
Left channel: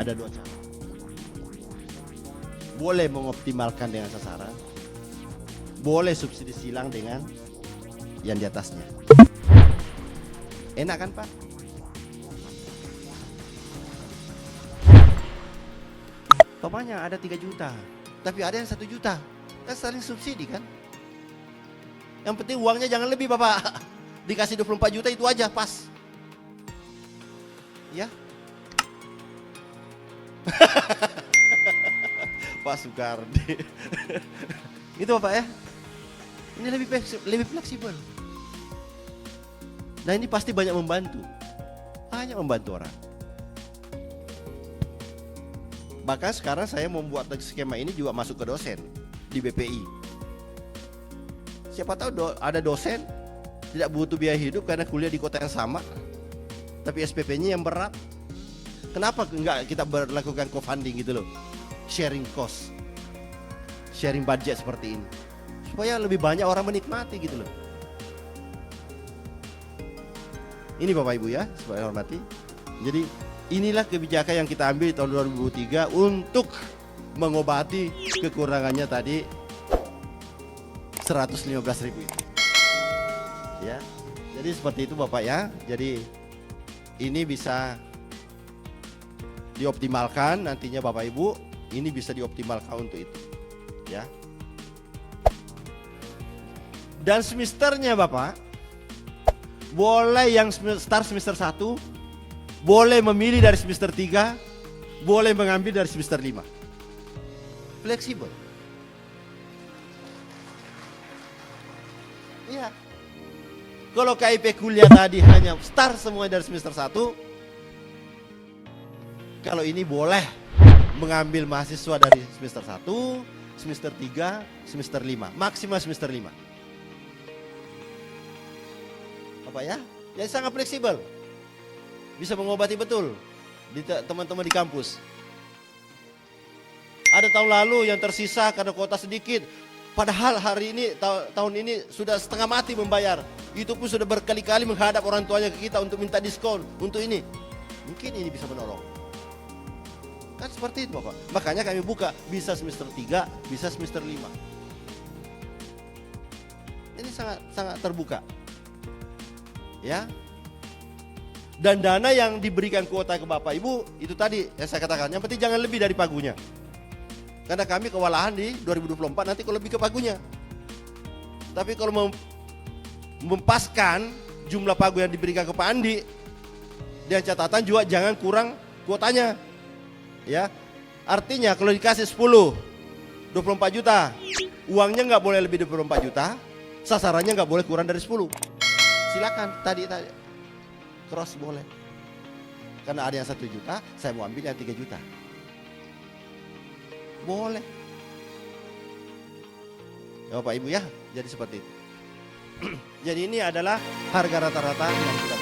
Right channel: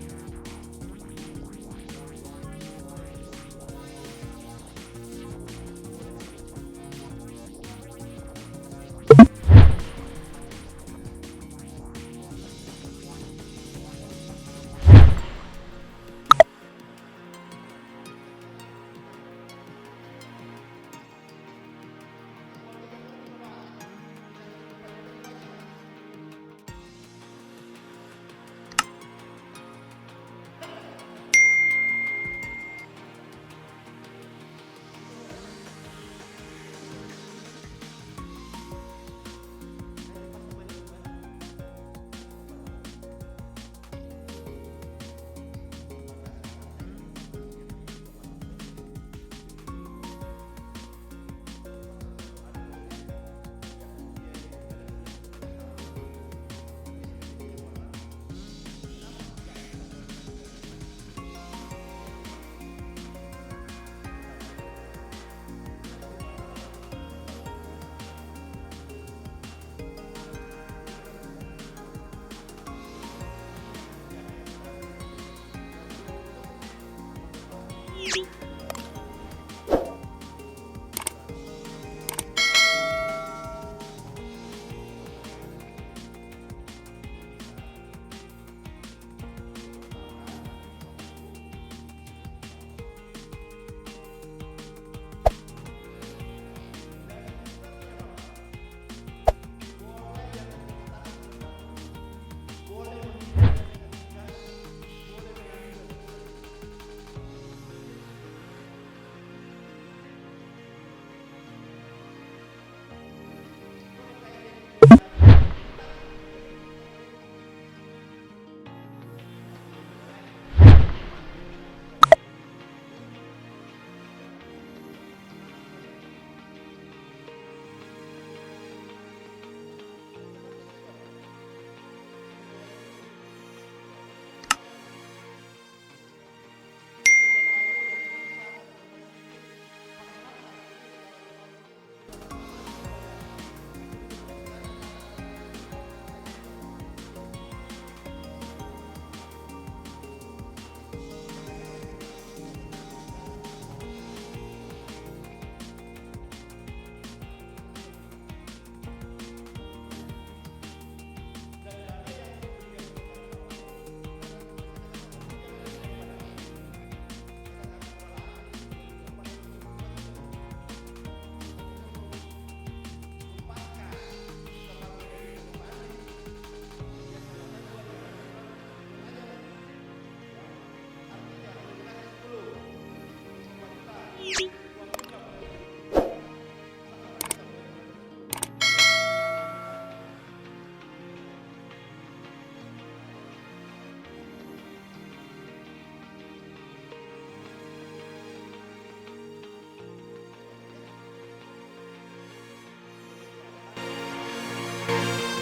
Ada 2 cara. Boleh mengoptimalkan dengan sasaran, boleh subsidi silang dengan yang di atasnya. Enak kan Pak? Umpamanya ada 3 juta, tapi ada yang 1 juta. Kan saling subsidi kan. Yang penting uangnya jangan lebih Bapak. Dikasih 24 juta itu aja pas. Ya. Pak Soekardi. Itu Bapak ya. Ini lebih fleksibel. Nah ini pasti banyak membantu. Banyak membantu orang. Bahkan sekarang saya membuat skema ini juga masuk ke dosen di BPI. Siapa tahu ada dosen tidak butuh biaya hidup karena kuliah di kota yang sama, tapi SPP-nya yang berat. Kenapa enggak kita berlakukan co-funding gitu loh, sharing cost, sharing budget seperti ini, supaya lebih banyak orang menikmati gitu loh. Ini Bapak Ibu ya, supaya hormati. Jadi inilah kebijakan yang kita ambil di tahun 2003 untuk mengobati kekurangannya tadi 115.000. Ya, jadi seperti itu Bapak ya. Jadi ini bisa dioptimalkan nantinya Bapak Ibu. Ini bisa dioptimalkan untuk itu. Ya. Dan semesternya Bapak, boleh yang start semester 1, boleh memilih dari semester 3, boleh mengambil dari semester 5. Fleksibel. Iya. Kalau KIP kuliah tadi hanya start semua dari semester 1, kalau ini boleh mengambil mahasiswa dari semester 1, semester 3, semester 5, maksimal semester 5. Apa ya? Jadi sangat fleksibel. Bisa mengobati betul di teman-teman di kampus. Ada tahun lalu yang tersisa karena kuota sedikit. Padahal hari ini tahun ini sudah setengah mati membayar. Itu pun sudah berkali-kali menghadap orang tuanya ke kita untuk minta diskon untuk ini. Mungkin ini bisa menolong. Kan seperti itu Bapak. Makanya kami buka bisa semester 3, bisa semester 5. Ini sangat terbuka. Ya. Dan dana yang diberikan kuota ke Bapak Ibu itu tadi yang saya katakan, yang penting jangan lebih dari pagunya. Karena kami kewalahan di 2024 nanti kalau lebih ke pagunya. Tapi kalau mempaskan jumlah pagu yang diberikan ke Pak Andi, dan catatan juga jangan kurang kuotanya. Ya, artinya kalau dikasih 10, 24 juta, uangnya nggak boleh lebih dari 24 juta, sasarannya nggak boleh kurang dari 10. Silakan tadi cross boleh. Karena ada yang 1 juta, saya mau ambil yang 3 juta. Boleh. Ya, Bapak Ibu ya, jadi seperti itu. Jadi ini adalah harga rata-rata yang kita